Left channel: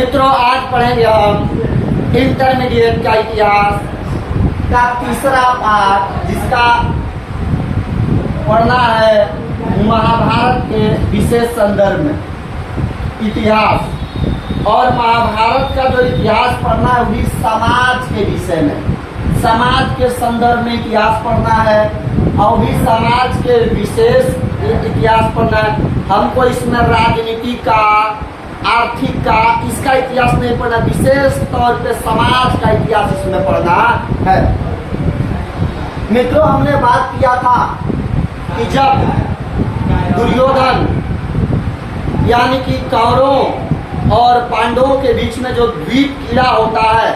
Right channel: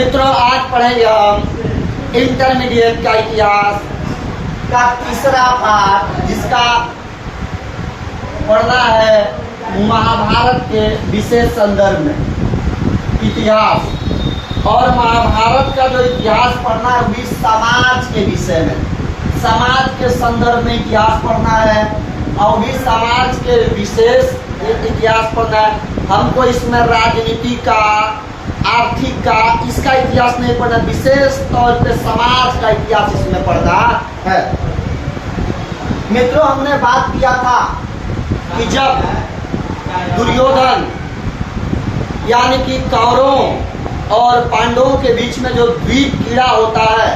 मित्रों, आज पढ़ेंगे हम इंटरमीडिएट का इतिहास का तीसरा पाठ, जिसका पढ़ना है महाभारत के विशेष संदर्भ में इतिहास। और महाभारत का जो इतिहास पढ़ना है वो भी समाज के विषय में, समाज के संदर्भ में इतिहास पढ़ना है और भी समाज के विशेष इतिहास पढ़ना है। हमको इसमें राजनीति का, आर्थिक का, इसका इतिहास नहीं पढ़ना, विशेष तौर पे समाज का इतिहास इसमें पढ़ना है। मित्रों, हमने बात किया था कि जब दुर्योधन यानी कि कौरवों और पांडवों के बीच में जो द्वीप क्रीड़ा होता है,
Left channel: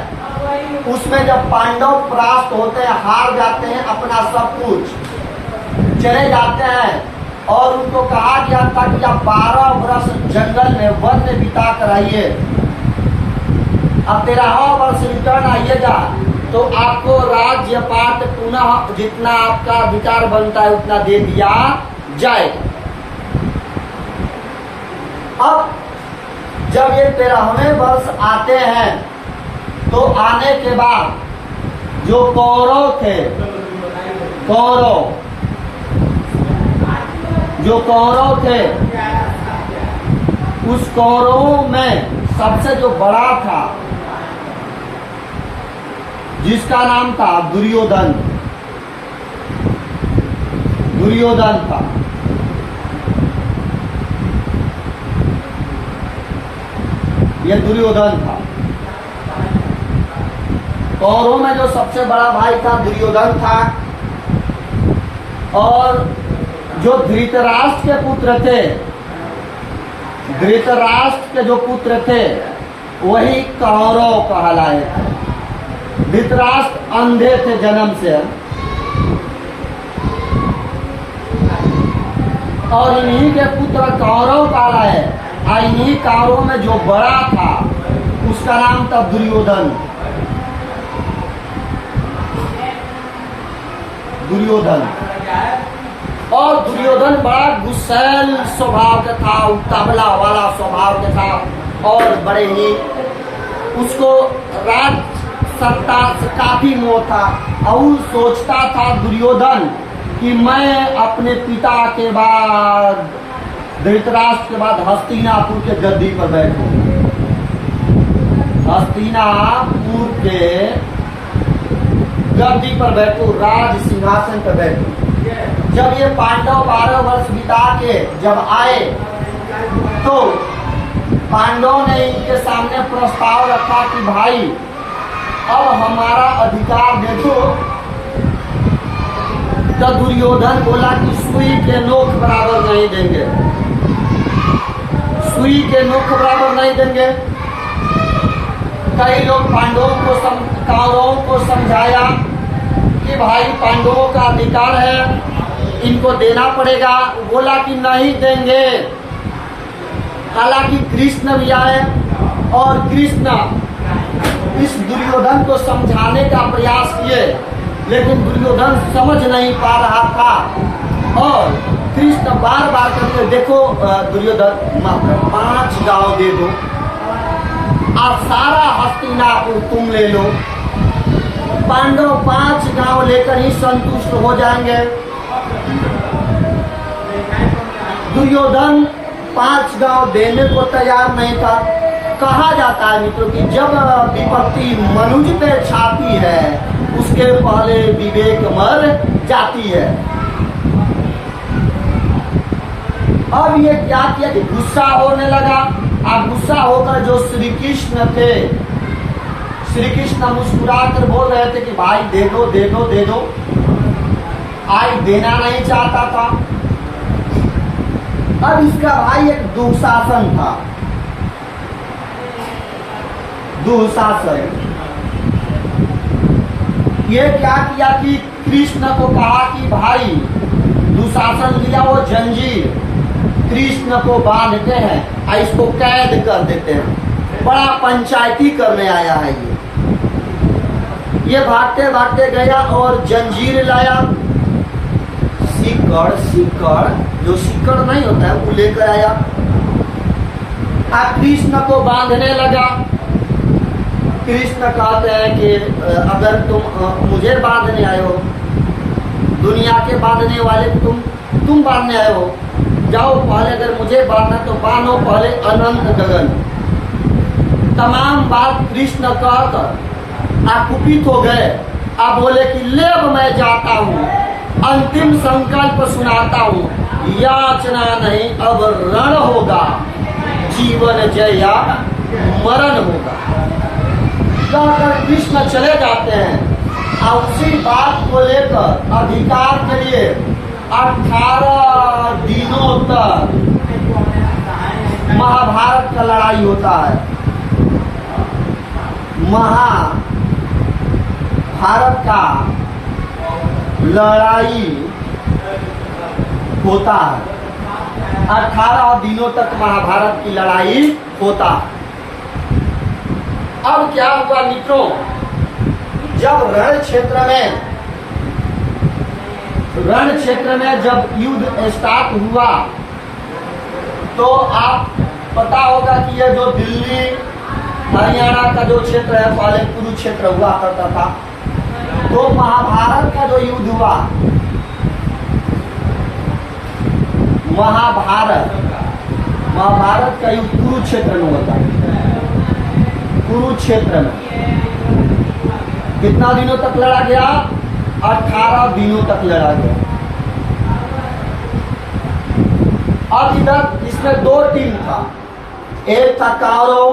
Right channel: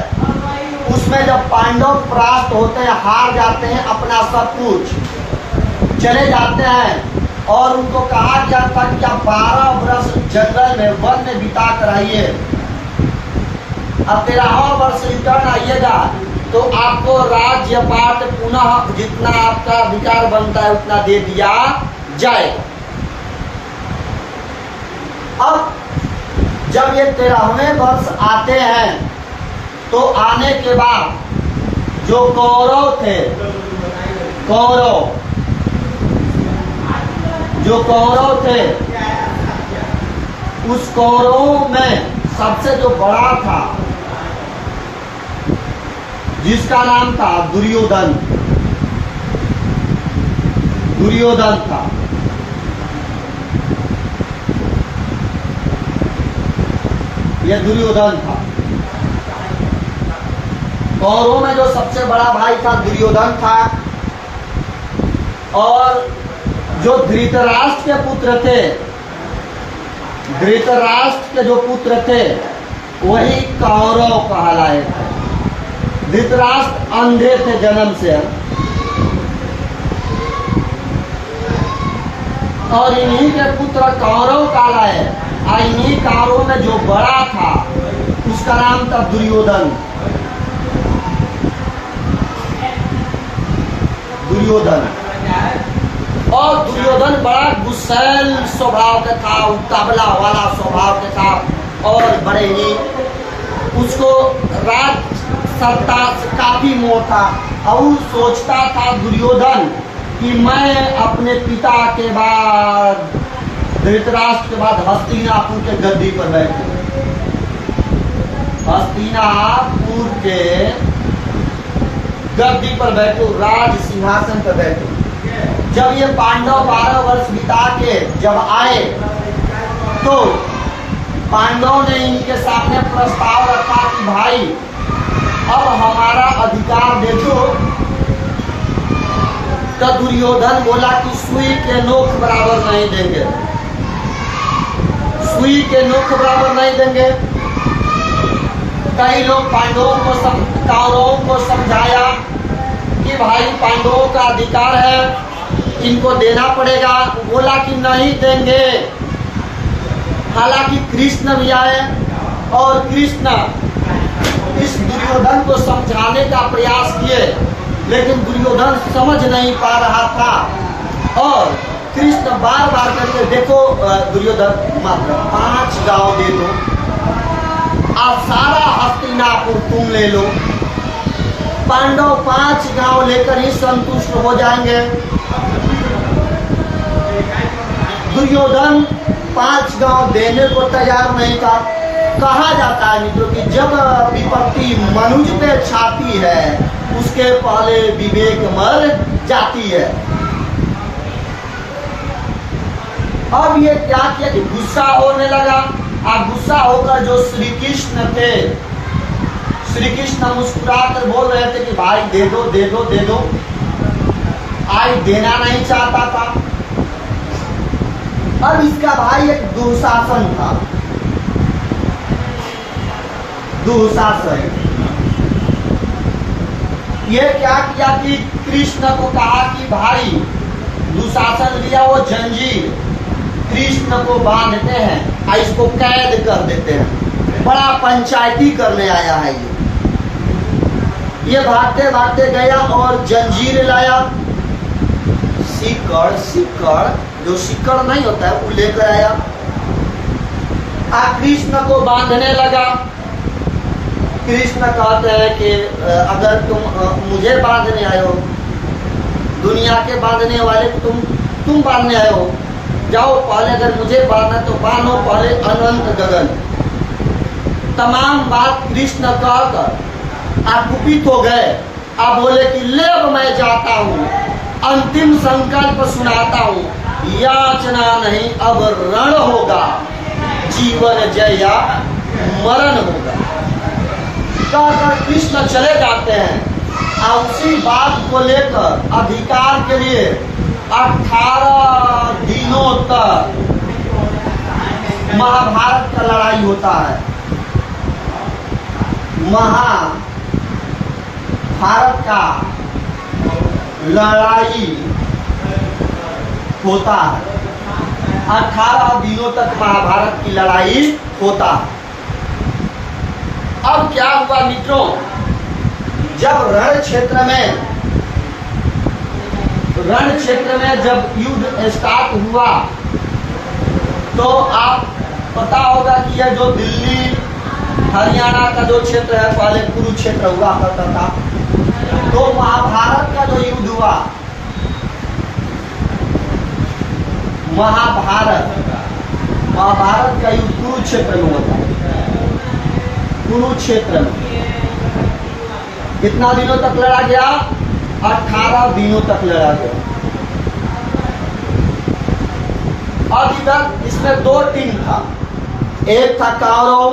उसमें जब पांडव परास्त होते हैं, हार जाते हैं, अपना सब कुछ चले जाते हैं और उनको कहा गया था कि आप 12 वर्ष जंगल में, वन में बिता कर आइए, अब 13वां वर्ष रिटर्न आइएगा तो आपको राज्य पाट पुनः जितना आपका अधिकार बनता है उतना दे दिया जाएगा। अब जब ये 13वें वर्ष आते हैं तो आने के बाद जो कौरव थे, जो कौरव थे, उस कौरवों में सबसे जो बड़ा था, जिसका नाम था दुर्योधन था। यह दुर्योधन था। कौरवों में जो सबसे बड़ा भाई था दुर्योधन था। और जो धृतराष्ट्र के पुत्र थे, धृतराष्ट्र के जो पुत्र थे वही कौरव कहलाए थे। धृतराष्ट्र अंधे थे जन्म से, और इन्हीं के पुत्र कौरव कहलाए। इन्हीं कौरवों में जो बड़ा था उसका नाम था दुर्योधन। और दुर्योधन बड़ा गुस्सैल स्वभाव का था, उतावला वाला स्वभाव का था, और बड़े ही उसको राज सत्ता से काफी मोह था। और सोचता था दुर्योधन कि मैं अपने पिता के बाद, धृतराष्ट्र के बाद हस्तिनापुर के गद्दी पर बैठूं, हस्तिनापुर के गद्दी पर बैठूं, राज सिंहासन पर बैठूं। जब ये पांडव 12 वर्ष बिता के जब आए तो पांडवों ने इनके सामने प्रस्ताव रखा कि भाई अब हमारा अधिकार दे दो। तो दुर्योधन बोला कि सुई के नोक बराबर नहीं देंगे, सुई के नोक बराबर नहीं देंगे। कई लोग पांडवों को, कौरवों को समझाया कि भाई पांडवों का अधिकार है, इनको देना पड़ेगा। बोला कि नहीं देंगे। हालांकि कृष्ण भी आए और कृष्ण इस दुर्योधन को समझाने का प्रयास किए, लेकिन दुर्योधन समझ नहीं पा रहा था। और कृष्ण बार बार करके, देखो दुर्योधन, मात्र 5 गांव दे दो, आप सारा हस्तिनापुर तुम ले लो, पांडव 5 गांव लेकर ही संतुष्ट हो जाएंगे। दुर्योधन 5 गांव देने को तैयार नहीं था। कहा जाता है मित्रों कि जब विपत्ति मनुज पे छाती है उसके पहले विवेक मर जाती है। अब ये क्या किया कि गुस्सा होने लगा। और गुस्सा होकर जो श्री कृष्ण थे, श्री कृष्ण मुस्कुराकर बोल रहे थे कि भाई दे दो दे दो दे दो। आज देना नहीं चाहता था। अब इसका भाई एक दुशासन था, दुशासन। ये क्या किया कि कृष्ण को कहा कि भाई दुशासन लिया वो जंजीर, कृष्ण को बांधते हैं और इसको कैद कर देते हैं। बड़ा पंचायती करने आया है ये भागते भागते गया और जंजीर लाया, सिकड़ जो सिकड़ नहीं होता है वो लेकर आया। कृष्ण को बांधने लगा। कृष्ण कहते हैं कि अगर तुम मुझे बांधने आए हो, दुनिया के बांधने वाले तुम बांधने आए हो, जाओ पहले अगर मुझे बांधना तो बांधो पहले अनंत गगन। तमाम बात कृष्ण कहकर आप कुपित हो गए। आप बोले कि ले अब मैं जाता हूँ, अंतिम संकल्प सुनाता हूँ, याचना नहीं अब रण होगा, जीवन जय या मरण होगा। कहकर कृष्ण चले जाते हैं और उसी बात को लेकर अधिकार के लिए 18 दिनों तक महाभारत का लड़ाई होता है। महाभारत का लड़ाई होता है। 18 दिनों तक महाभारत की लड़ाई होता है। अब क्या हुआ मित्रों, जब रण क्षेत्र में जब युद्ध स्टार्ट हुआ तो आप पता होगा कि यह जो दिल्ली हरियाणा का जो क्षेत्र है पहले कुरुक्षेत्र हुआ करता था। तो महाभारत का जो युद्ध हुआ, महाभारत का युद्ध कुरुक्षेत्र में होता है। कुरुक्षेत्र में कितना दिनों तक लड़ा गया? 18 दिनों तक लड़ा गया। अब इधर इसमें 2 टीम था, एक था कौरव,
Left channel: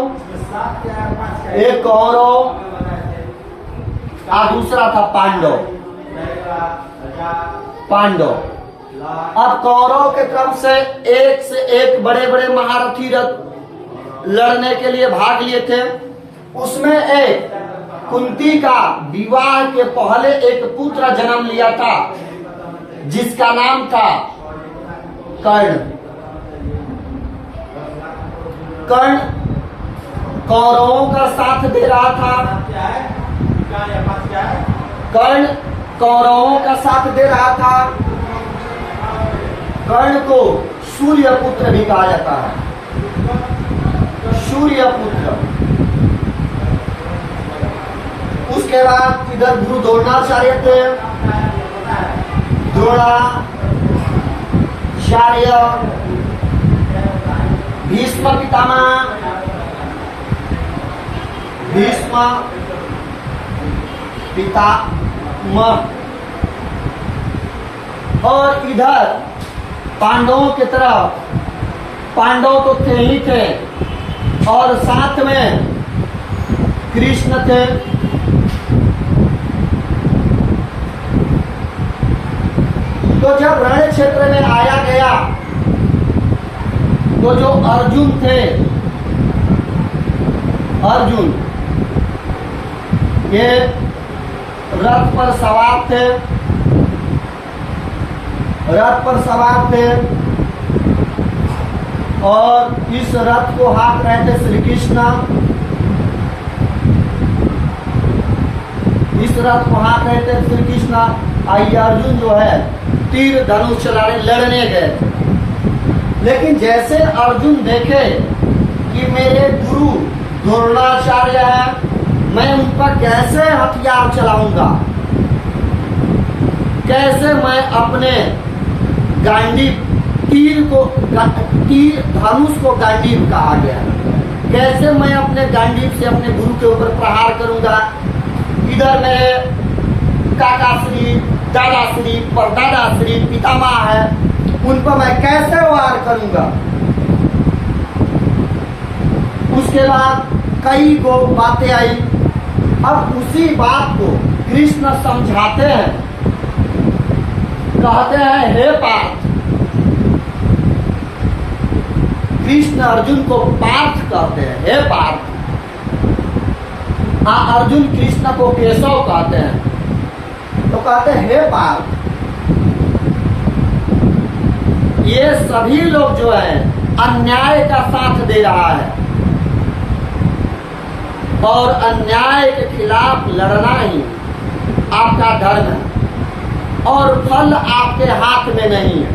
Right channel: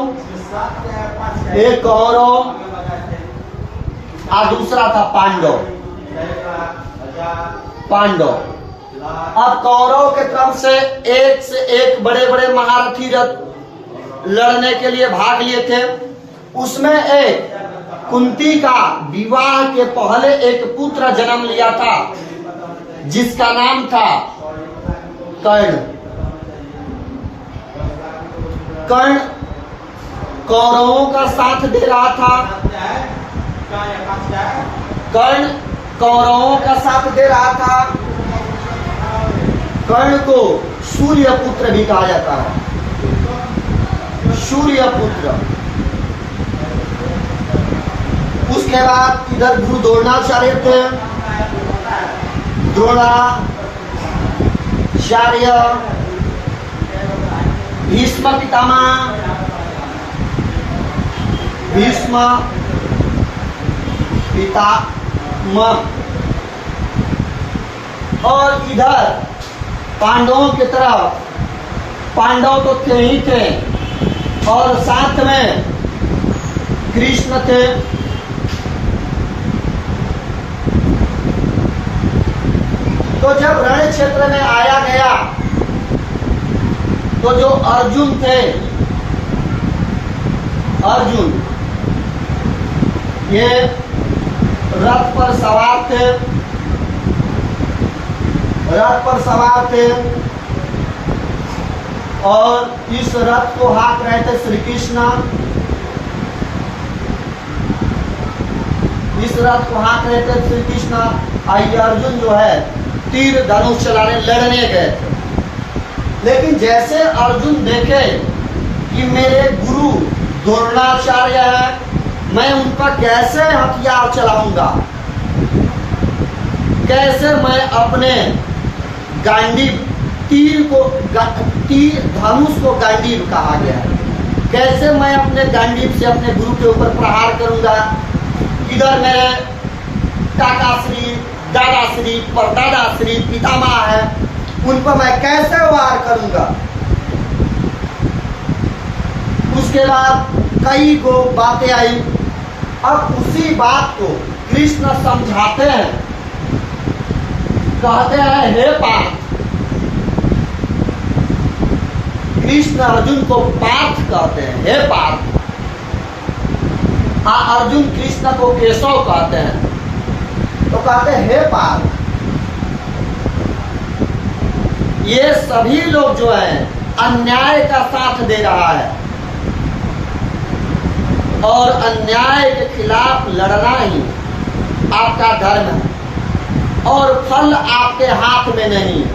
एक कौरव और दूसरा था पांडव। अब कौरव के तरफ से एक बड़े बड़े महारथी रथ लड़ने के लिए भाग लिए थे। उसमें एक कुंती का विवाह के पहले एक पुत्र जन्म लिया था जिसका नाम था कर्ण। कर्ण कौरवों का साथ दे रहा था। कर्ण कौरवों का साथ दे रहा था। कर्ण को सूर्य पुत्र भी कहा जाता है। सूर्य पुत्र। उसके बाद इधर गुरु द्रोणाचार्य थे। द्रोणाचार्य, भीष्म पितामह, भीष्म पितामह, और इधर पांडवों की तरफ पांडव तो थे ही थे और साथ में कृष्ण थे। तो जब रण क्षेत्र में आया गया तो जो अर्जुन थे, अर्जुन ये रथ पर सवार थे। रथ पर सवार थे और इस रथ को हाँक रहे थे श्री कृष्ण। इस रथ को हाँक रहे थे श्री कृष्ण। आई अर्जुन जो है तीर धनुष चलाने लड़ने गए थे। लेकिन जैसे अर्जुन देखे कि मेरे गुरु द्रोणाचार्य है, मैं उन पर कैसे हथियार चलाऊंगा, कैसे मैं अपने गांडीव तीर धनुष को गांडीव कहा गया है, कैसे मैं अपने गांडीव से अपने गुरु के ऊपर प्रहार करूंगा। इधर मेरे काकाश्री, दादाश्री, परदादाश्री, पितामह है, उन पर मैं कैसे वार करूंगा। उसके बाद कई को बातें आई। अब उसी बात को कृष्ण समझाते हैं, कहते हैं हे पार्थ। कृष्ण अर्जुन को पार्थ कहते हैं, हे पार्थ। अर्जुन कृष्ण को केशव कहते हैं। तो कहते हैं हे पार्थ, ये सभी लोग जो है अन्याय का साथ दे रहा है और अन्याय के खिलाफ लड़ना ही आपका धर्म है और फल आपके हाथ में नहीं है।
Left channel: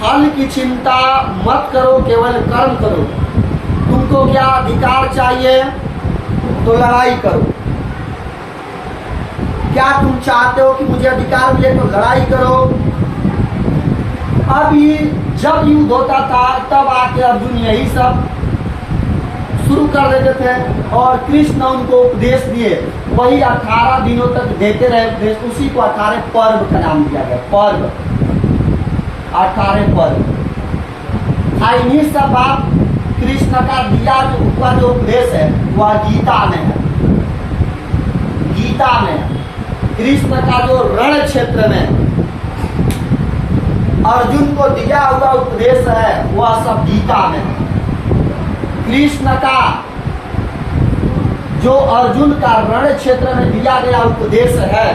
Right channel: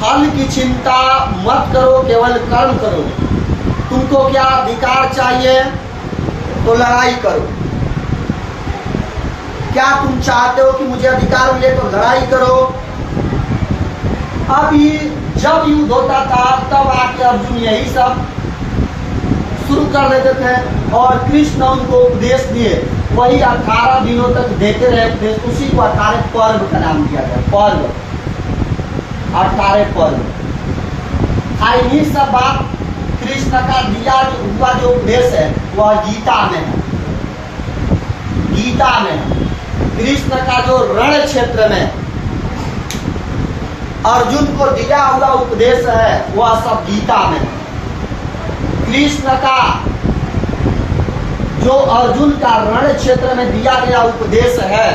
फल की चिंता मत करो, केवल कर्म करो। तुमको क्या अधिकार चाहिए तो लड़ाई करो। क्या तुम चाहते हो कि मुझे अधिकार मिले तो लड़ाई करो। अभी जब युद्ध होता था तब आके अर्जुन यही सब शुरू कर देते थे और कृष्ण उनको उपदेश दिए। वही 18 दिनों तक देते रहे उपदेश। उसी को 18 पर्व का नाम दिया गया। पर्व, 18 पर्व। इन्हीं सब बात कृष्ण का दिया हुआ जो उपदेश है वह गीता में है। गीता में कृष्ण का जो रण क्षेत्र में अर्जुन को दिया हुआ उपदेश है वह सब गीता में है। कृष्ण का जो अर्जुन का रण क्षेत्र में दिया गया उपदेश है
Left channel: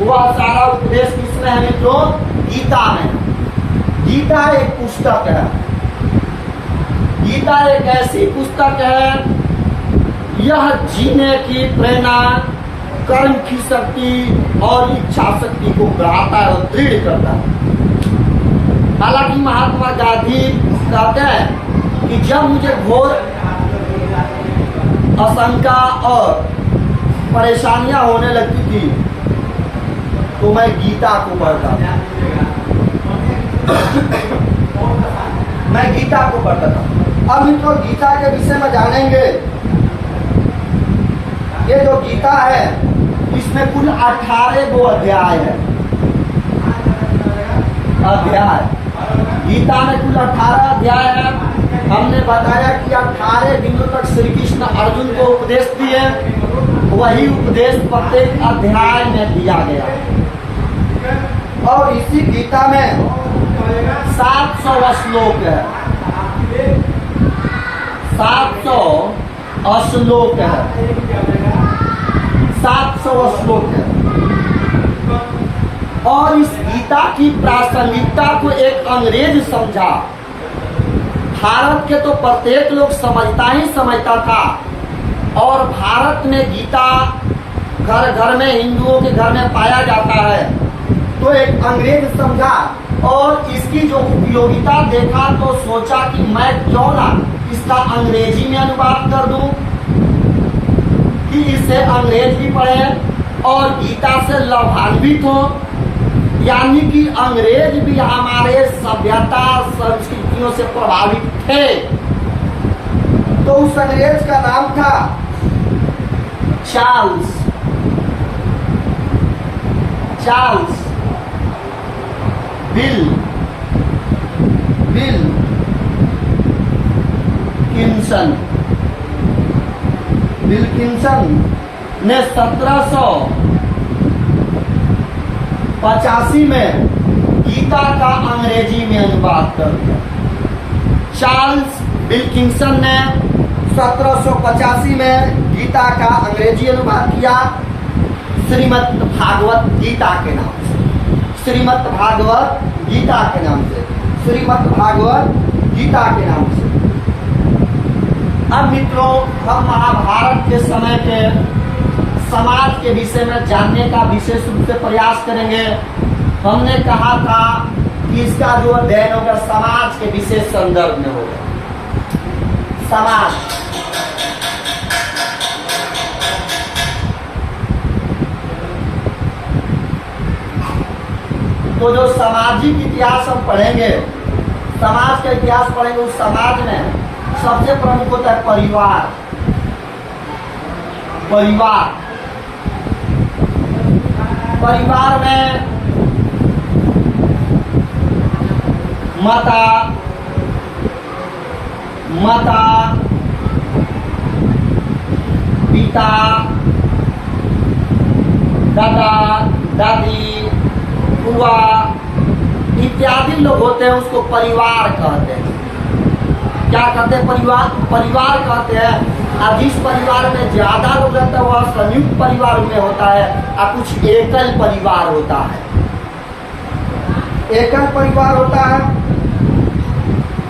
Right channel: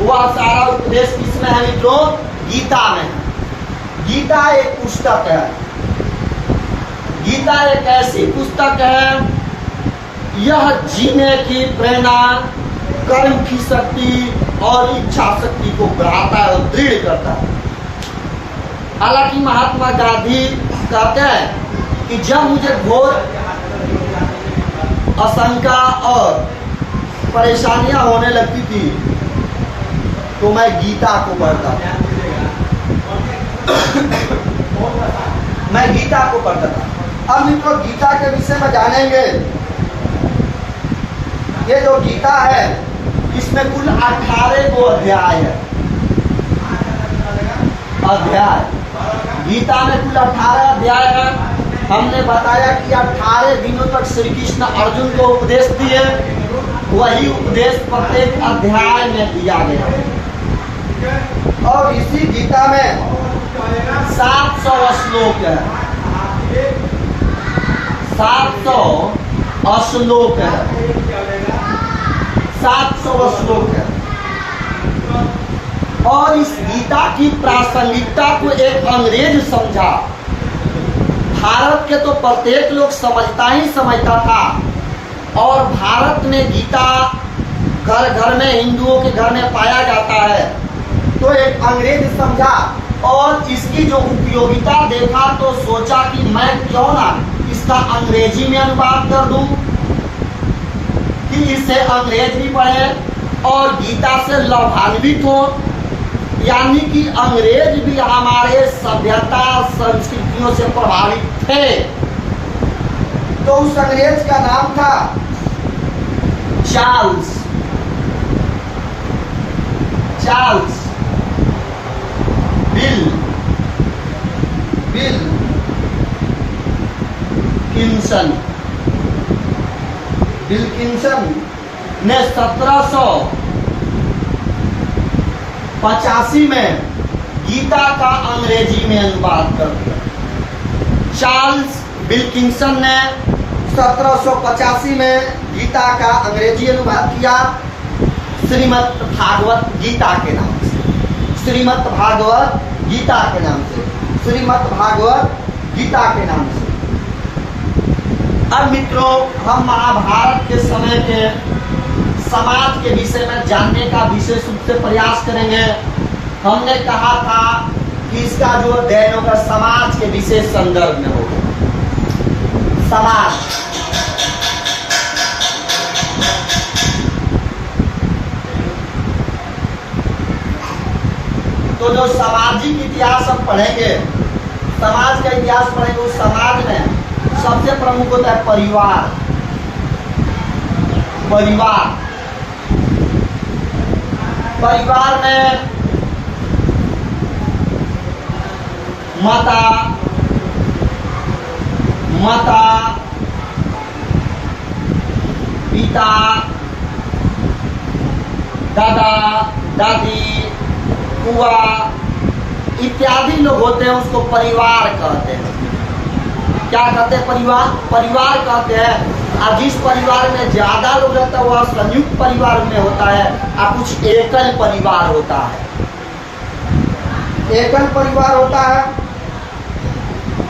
वह सारा उपदेश किसमें है मित्रों? गीता में है। गीता एक पुस्तक है। गीता एक ऐसी पुस्तक है, यह जीने की प्रेरणा, कर्म की शक्ति और इच्छा शक्ति को बढ़ाता है और दृढ़ करता है। हालांकि महात्मा गांधी कहते हैं कि जब मुझे घोर आशंका और परेशानियां होने लगती थी तो मैं गीता को पढ़ता था। मैं गीता को पढ़ता था। अब मित्रों गीता के विषय में जानेंगे। ये जो गीता है इसमें कुल 18 गो अध्याय है। अध्याय गीता में कुल 18 अध्याय है। हमने बताया कि 18 दिनों तक श्री कृष्ण अर्जुन को उपदेश दिए। वही उपदेश प्रत्येक अध्याय में दिया गया और इसी गीता में 700 श्लोक है। 700 श्लोक है। 700 श्लोक है। और इस गीता की प्रासंगिकता को एक अंग्रेज समझा। भारत के तो प्रत्येक लोग समझता था और भारत में गीता घर घर में, हिंदुओं के घर में पाया जाता है। तो एक अंग्रेज समझा और इसकी जो उपयोगिता देखा तो सोचा कि मैं क्यों ना इसका अंग्रेजी में अनुवाद कर दूं कि इसे अंग्रेज भी पढ़े और गीता से लाभान्वित हो। यानी कि अंग्रेज भी हमारे सभ्यता संस्कृतियों से प्रभावित थे। तो उस अंग्रेज का नाम था चार्ल्स विल्किंसन ने 1785 में गीता का अंग्रेजी में अनुवाद कर दिया। चार्ल्स विल्किंसन ने 1785 में गीता का अंग्रेजी अनुवाद किया श्रीमद् भागवत गीता के नाम से। श्रीमद् भागवत गीता के नाम से। श्रीमद् भागवत गीता के नाम से। अब मित्रों हम महाभारत के समय के समाज के विषय में जानने का विशेष रूप से प्रयास करेंगे। हमने कहा था कि इसका जो अध्ययन होगा समाज के विशेष संदर्भ में होगा। समाज, तो जो सामाजिक इतिहास हम पढ़ेंगे, समाज का इतिहास पढ़ेंगे, उस समाज में सबसे प्रमुख होता है परिवार। परिवार में माता, पिता, दादा, दादी, बुआ इत्यादि लोग होते हैं, उसको परिवार कहते हैं। क्या कहते हैं? परिवार कहते हैं। और जिस परिवार में ज्यादा लोग रहते हैं वह संयुक्त परिवार में होता है और कुछ एकल परिवार होता है। एकल परिवार होता है।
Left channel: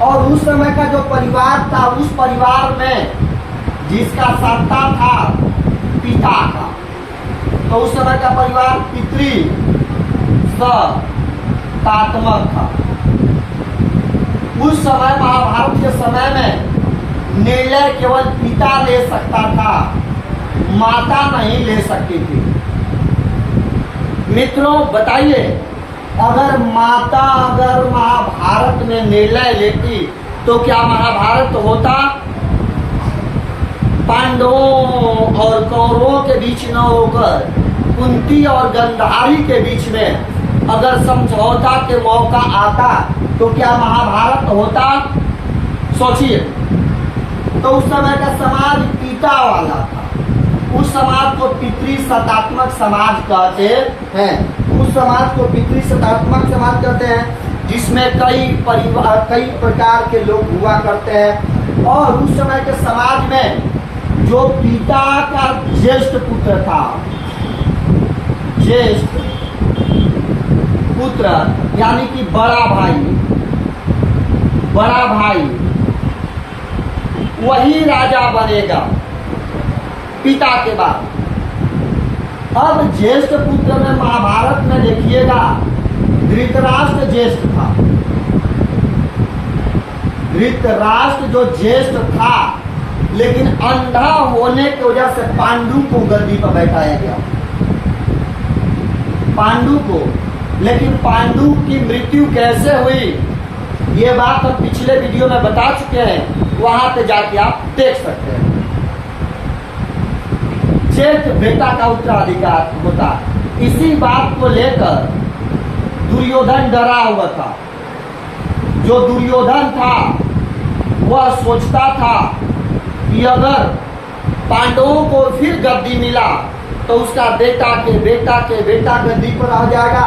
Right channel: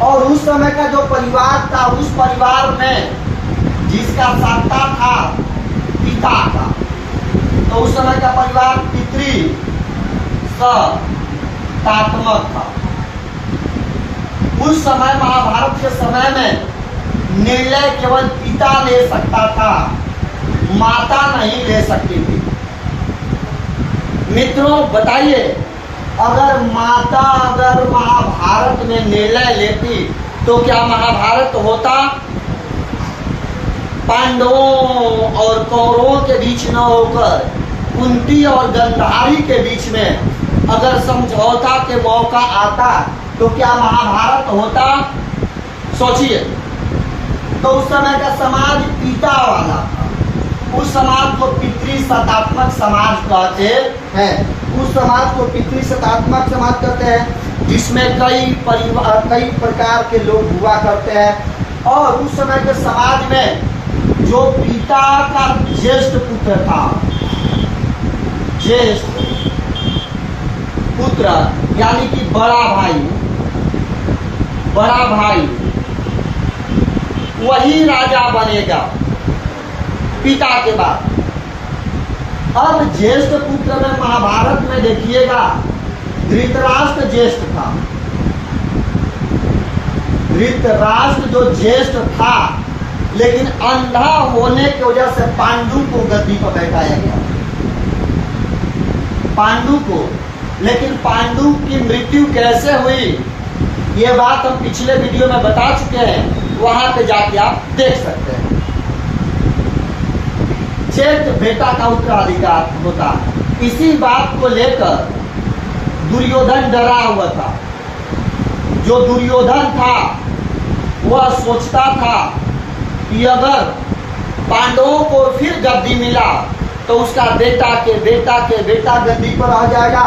और उस समय का जो परिवार था, उस परिवार में जिसका सत्ता था पिता का, तो उस समय का परिवार पितृ सत्तात्मक था। उस समय महाभारत के समय में निर्णय केवल पिता ले सकता था, माता नहीं ले सकती थी। मित्रों बताइए, अगर माता अगर महाभारत में निर्णय लेती तो क्या महाभारत होता? पांडवों और कौरवों के बीच न होकर कुंती और गंधारी के बीच में अगर समझौता के मौका आता तो क्या महाभारत होता? सोचिए। तो उस समय का समाज पिता वाला था। उस समाज को पितृसत्तात्मक समाज कहते हैं। उस समाज को पितृसत्तात्मक समाज कहते हैं, जिसमें कई प्रकार के लोग हुआ करते हैं। और उस समय के समाज में जो पिता का ज्येष्ठ पुत्र था, ज्येष्ठ पुत्र यानी कि बड़ा भाई वही राजा बनेगा पिता के बाद। अब ज्येष्ठ पुत्र में महाभारत में देखिएगा धृतराष्ट्र ज्येष्ठ था। धृतराष्ट्र जो ज्येष्ठ था, लेकिन अंधा होने की वजह से पांडु को गद्दी पर बैठाया गया। पांडु को, लेकिन पांडु की मृत्यु कैसे हुई ये बात हम पिछले वीडियो में बता चुके हैं, वहां पे जाके आप देख सकते हैं। ज्येष्ठ बेटा का उत्तराधिकार होता। इसी बात को लेकर दुर्योधन डरा हुआ था। जो दुर्योधन था वह सोचता था कि अगर पांडवों को फिर गद्दी मिला तो उसका बेटा गद्दी पर आ जाएगा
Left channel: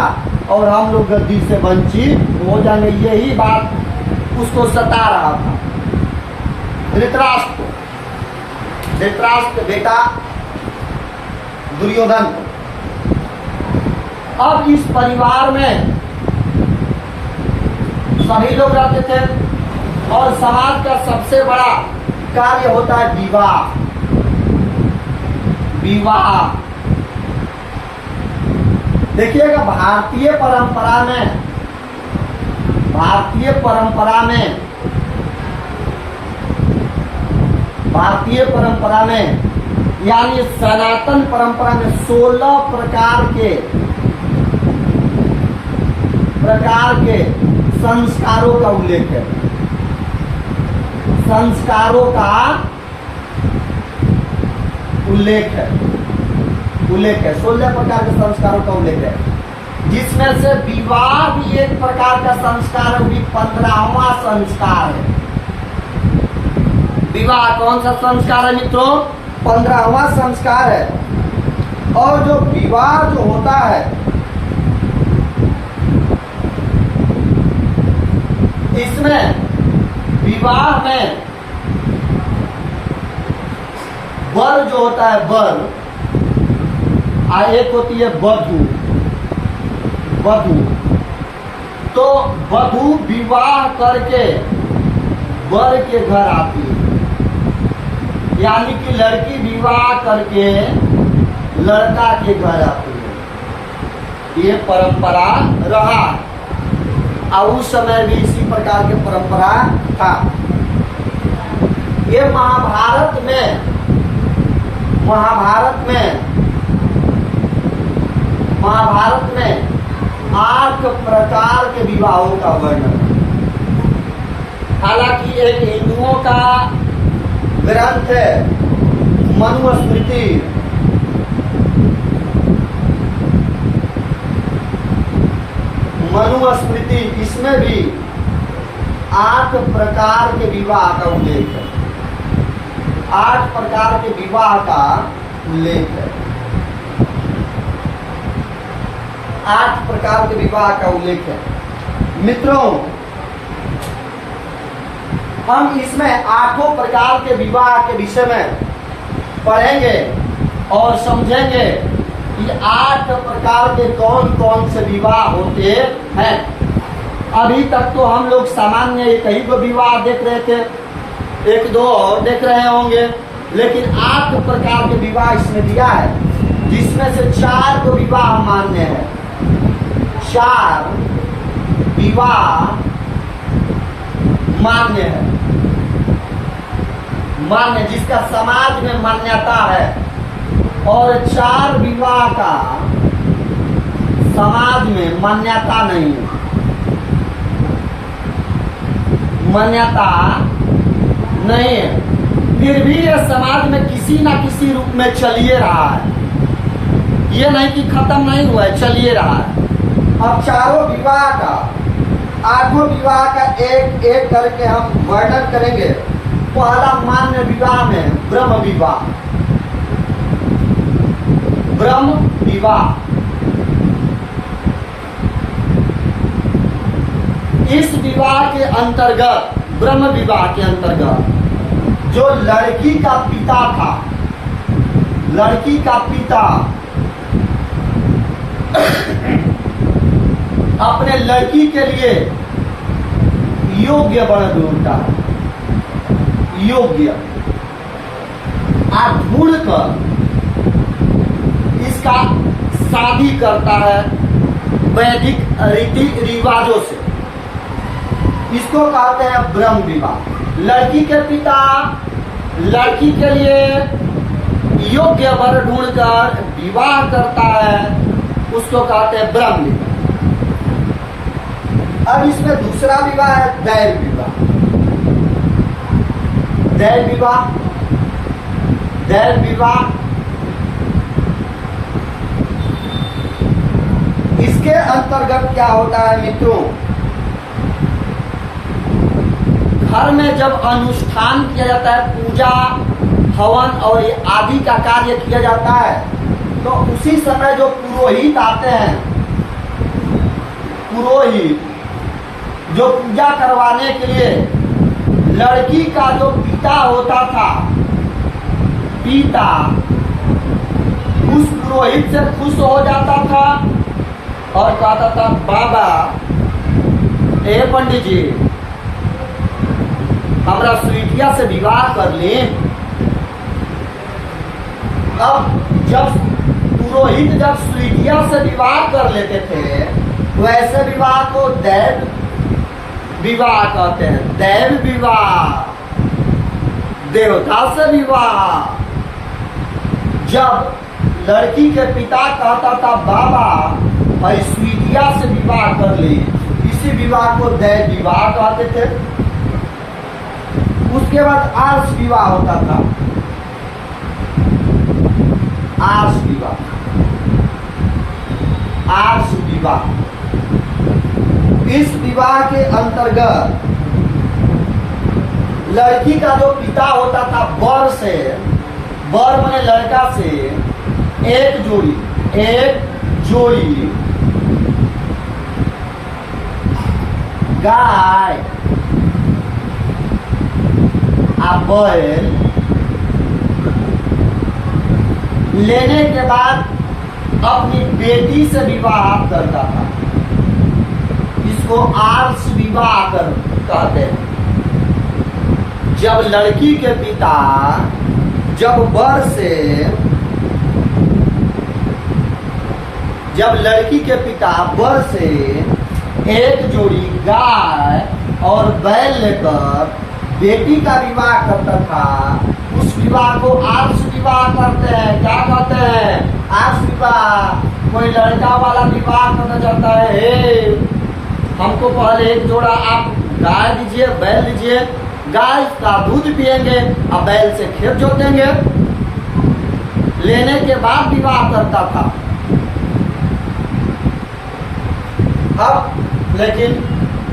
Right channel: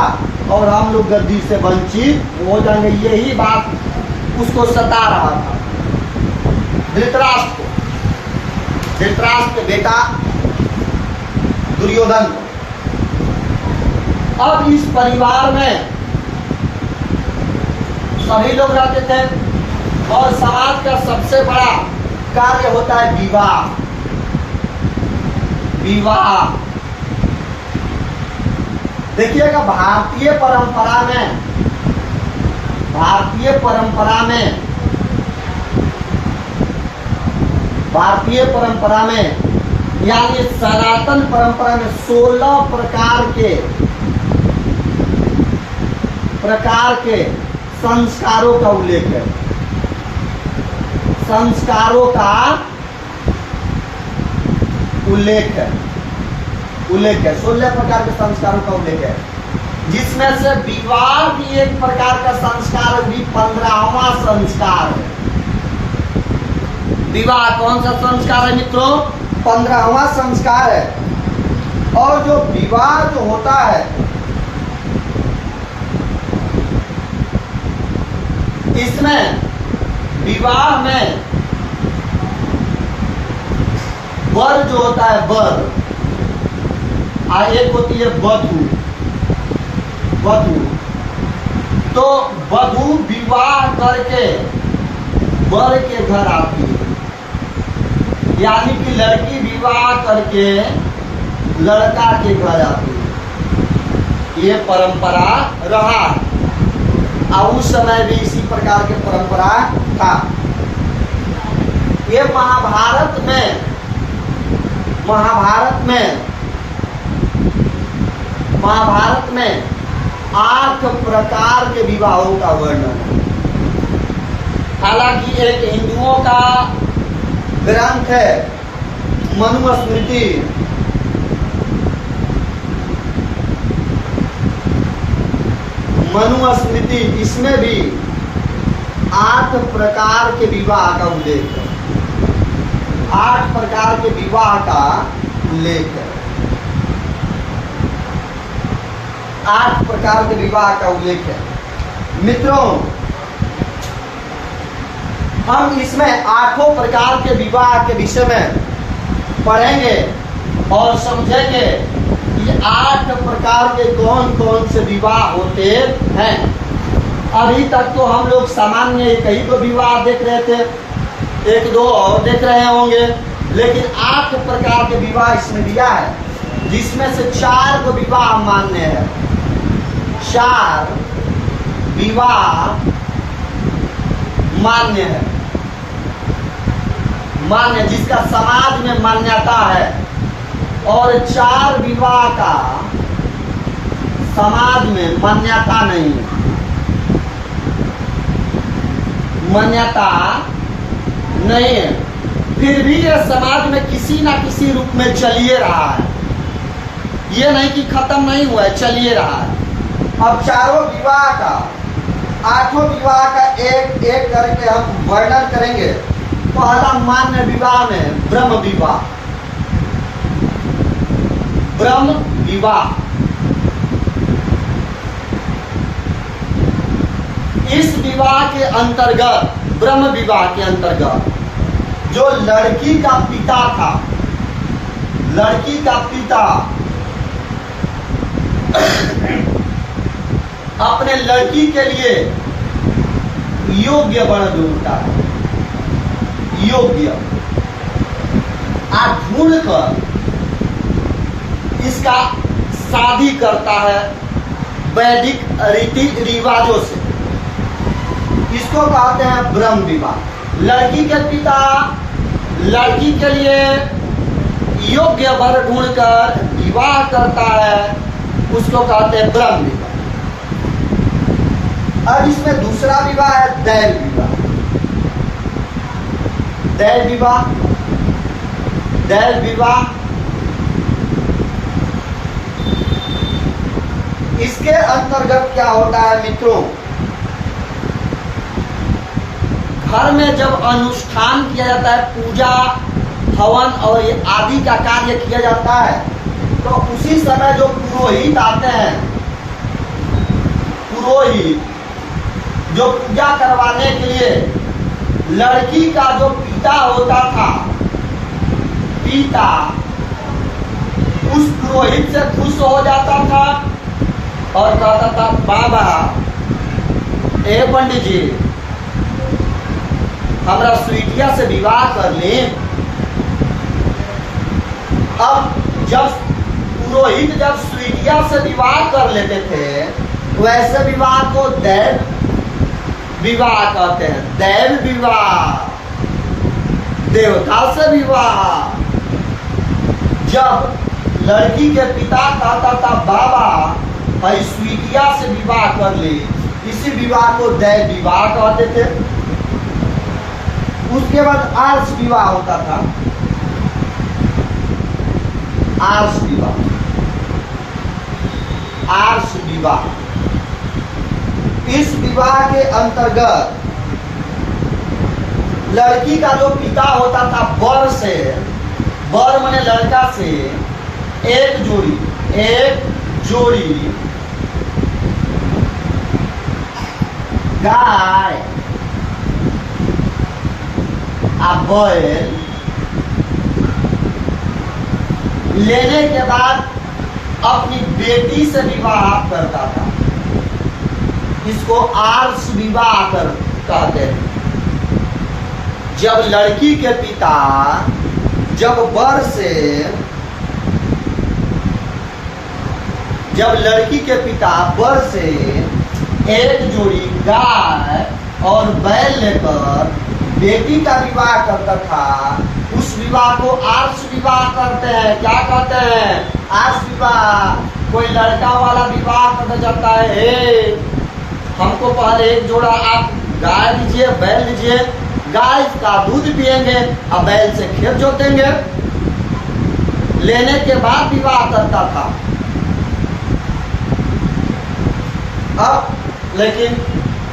और हम लोग गद्दी से वंचित हो जाएंगे। यही बात उसको सता रहा था धृतराष्ट्र के बेटा दुर्योधन को। अब इस परिवार में सभी लोग रहते थे और समाज का सबसे बड़ा कार्य होता है विवाह। देखिएगा भारतीय परंपरा में यानी सनातन परंपरा में 16 प्रकार के संस्कारों का उल्लेख है। संस्कारों का उल्लेख है 16 प्रकार के संस्कारों का उल्लेख है, जिसमें से विवाह भी एक प्रकार का संस्कार है, भी 15वां संस्कार है। विवाह कौन सा संस्कार है मित्रों? 15वां संस्कार है। और जो विवाह जो होता है, इसमें विवाह में वर जो होता है वर, एक होती है वधू। तो वधू विवाह करके वर के घर आती है, यानी कि लड़की विवाह करके लड़का के घर आती है। ये परंपरा रहा है और उस समय भी इसी प्रकार के परंपरा था। ये महाभारत में 8 प्रकार के विवाहों का वर्णन है। हालांकि एक हिंदुओं का ग्रंथ है मनुस्मृति, इसमें भी 8 प्रकार के विवाह का उल्लेख है। 8 प्रकार के विवाह का उल्लेख है। 8 प्रकार के विवाह का उल्लेख है। मित्रों, हम इसमें 8 प्रकार के विवाह के विषय में पढ़ेंगे और समझेंगे कि 8 प्रकार के कौन कौन से विवाह होते हैं। अभी तक तो हम लोग सामान्य एक ही को विवाह देख रहे थे, 1-2 और देख रहे होंगे, लेकिन 8 प्रकार के विवाह इसमें दिया है, जिसमें से 4 को विवाह मान्य है। 4 विवाह मान्य है, मान्य जिसका समाज में मान्यता है, और 4 विवाह का समाज में मान्यता नहीं है, मान्यता नहीं है, फिर भी ये समाज में किसी ना किसी रूप में चलिए रहा है, ये नहीं कि खत्म नहीं हुआ है, चलिए रहा है। अब 4 विवाह का 8 विवाह का एक एक करके हम वर्णन करेंगे। पहला मान्य विवाह में ब्रह्म विवाह, ब्रह्म विवाह, इस विवाह के अंतर्गत, ब्रह्म विवाह के अंतर्गत जो लड़की का पिता था, लड़की का पिता अपने लड़की के लिए योग्य वर ढूंढता है, योग्य ढूंढ कर इसका शादी करता है वैदिक रीति रिवाजों से, इसको कहते हैं ब्रह्म विवाह। लड़की के पिता लड़की के लिए योग्य वर ढूंढकर विवाह करता है, उसको कहते हैं ब्रह्म विवाह। और इसमें दूसरा विवाह है दैव विवाह। दैव विवाह, दैव विवाह इसके अंतर्गत क्या होता है मित्रों, घर में जब अनुष्ठान किया जाता है, पूजा हवन और ये आदि का कार्य किया जाता है, तो उसी समय जो पुरोहित आते हैं, पुरोहित जो पूजा करवाने के लिए लड़की का जो पिता होता था, पिता उस पुरोहित से खुश हो जाता था और कहता था, बाबा ए पंडित जी हमरा स्वीटिया से विवाह कर ले। अब जब पुरोहित जब स्वीटिया से विवाह कर लेते थे, वैसे विवाह को दैव विवाह कहते हैं। दैव विवाह, देवता से विवाह। जब लड़की के पिता कहता था, बाबा भाई स्वीटिया से विवाह कर ले, इसी विवाह को दैव विवाह कहते थे। उसके बाद आर्ष विवाह होता था, आर्ष विवाह, आर्ष विवाह। इस विवाह के अंतर्गत लड़की का जो पिता होता था, वर से, वर माने लड़का से एक जोड़ी गाय आ बैल लेने के बाद अपनी बेटी से विवाह करता था। इसको आर्ष विवाह कहते हैं। जब लड़की के पिता जब लड़की के पिता वर से एक जोड़ी गाय और बैल लेकर बेटी का विवाह करता था, उस विवाह को आर्ष विवाह कहते हैं। क्या कहते हैं? आर्ष विवाह। कोई लड़का वाला विवाह करना चाहता है, हे हमको पहले एक जोड़ा आप गाय दीजिए, बैल दीजिए, गाय का दूध पिएंगे और बैल से खेत जोतेंगे, लेने के बाद विवाह करता था। अब लेकिन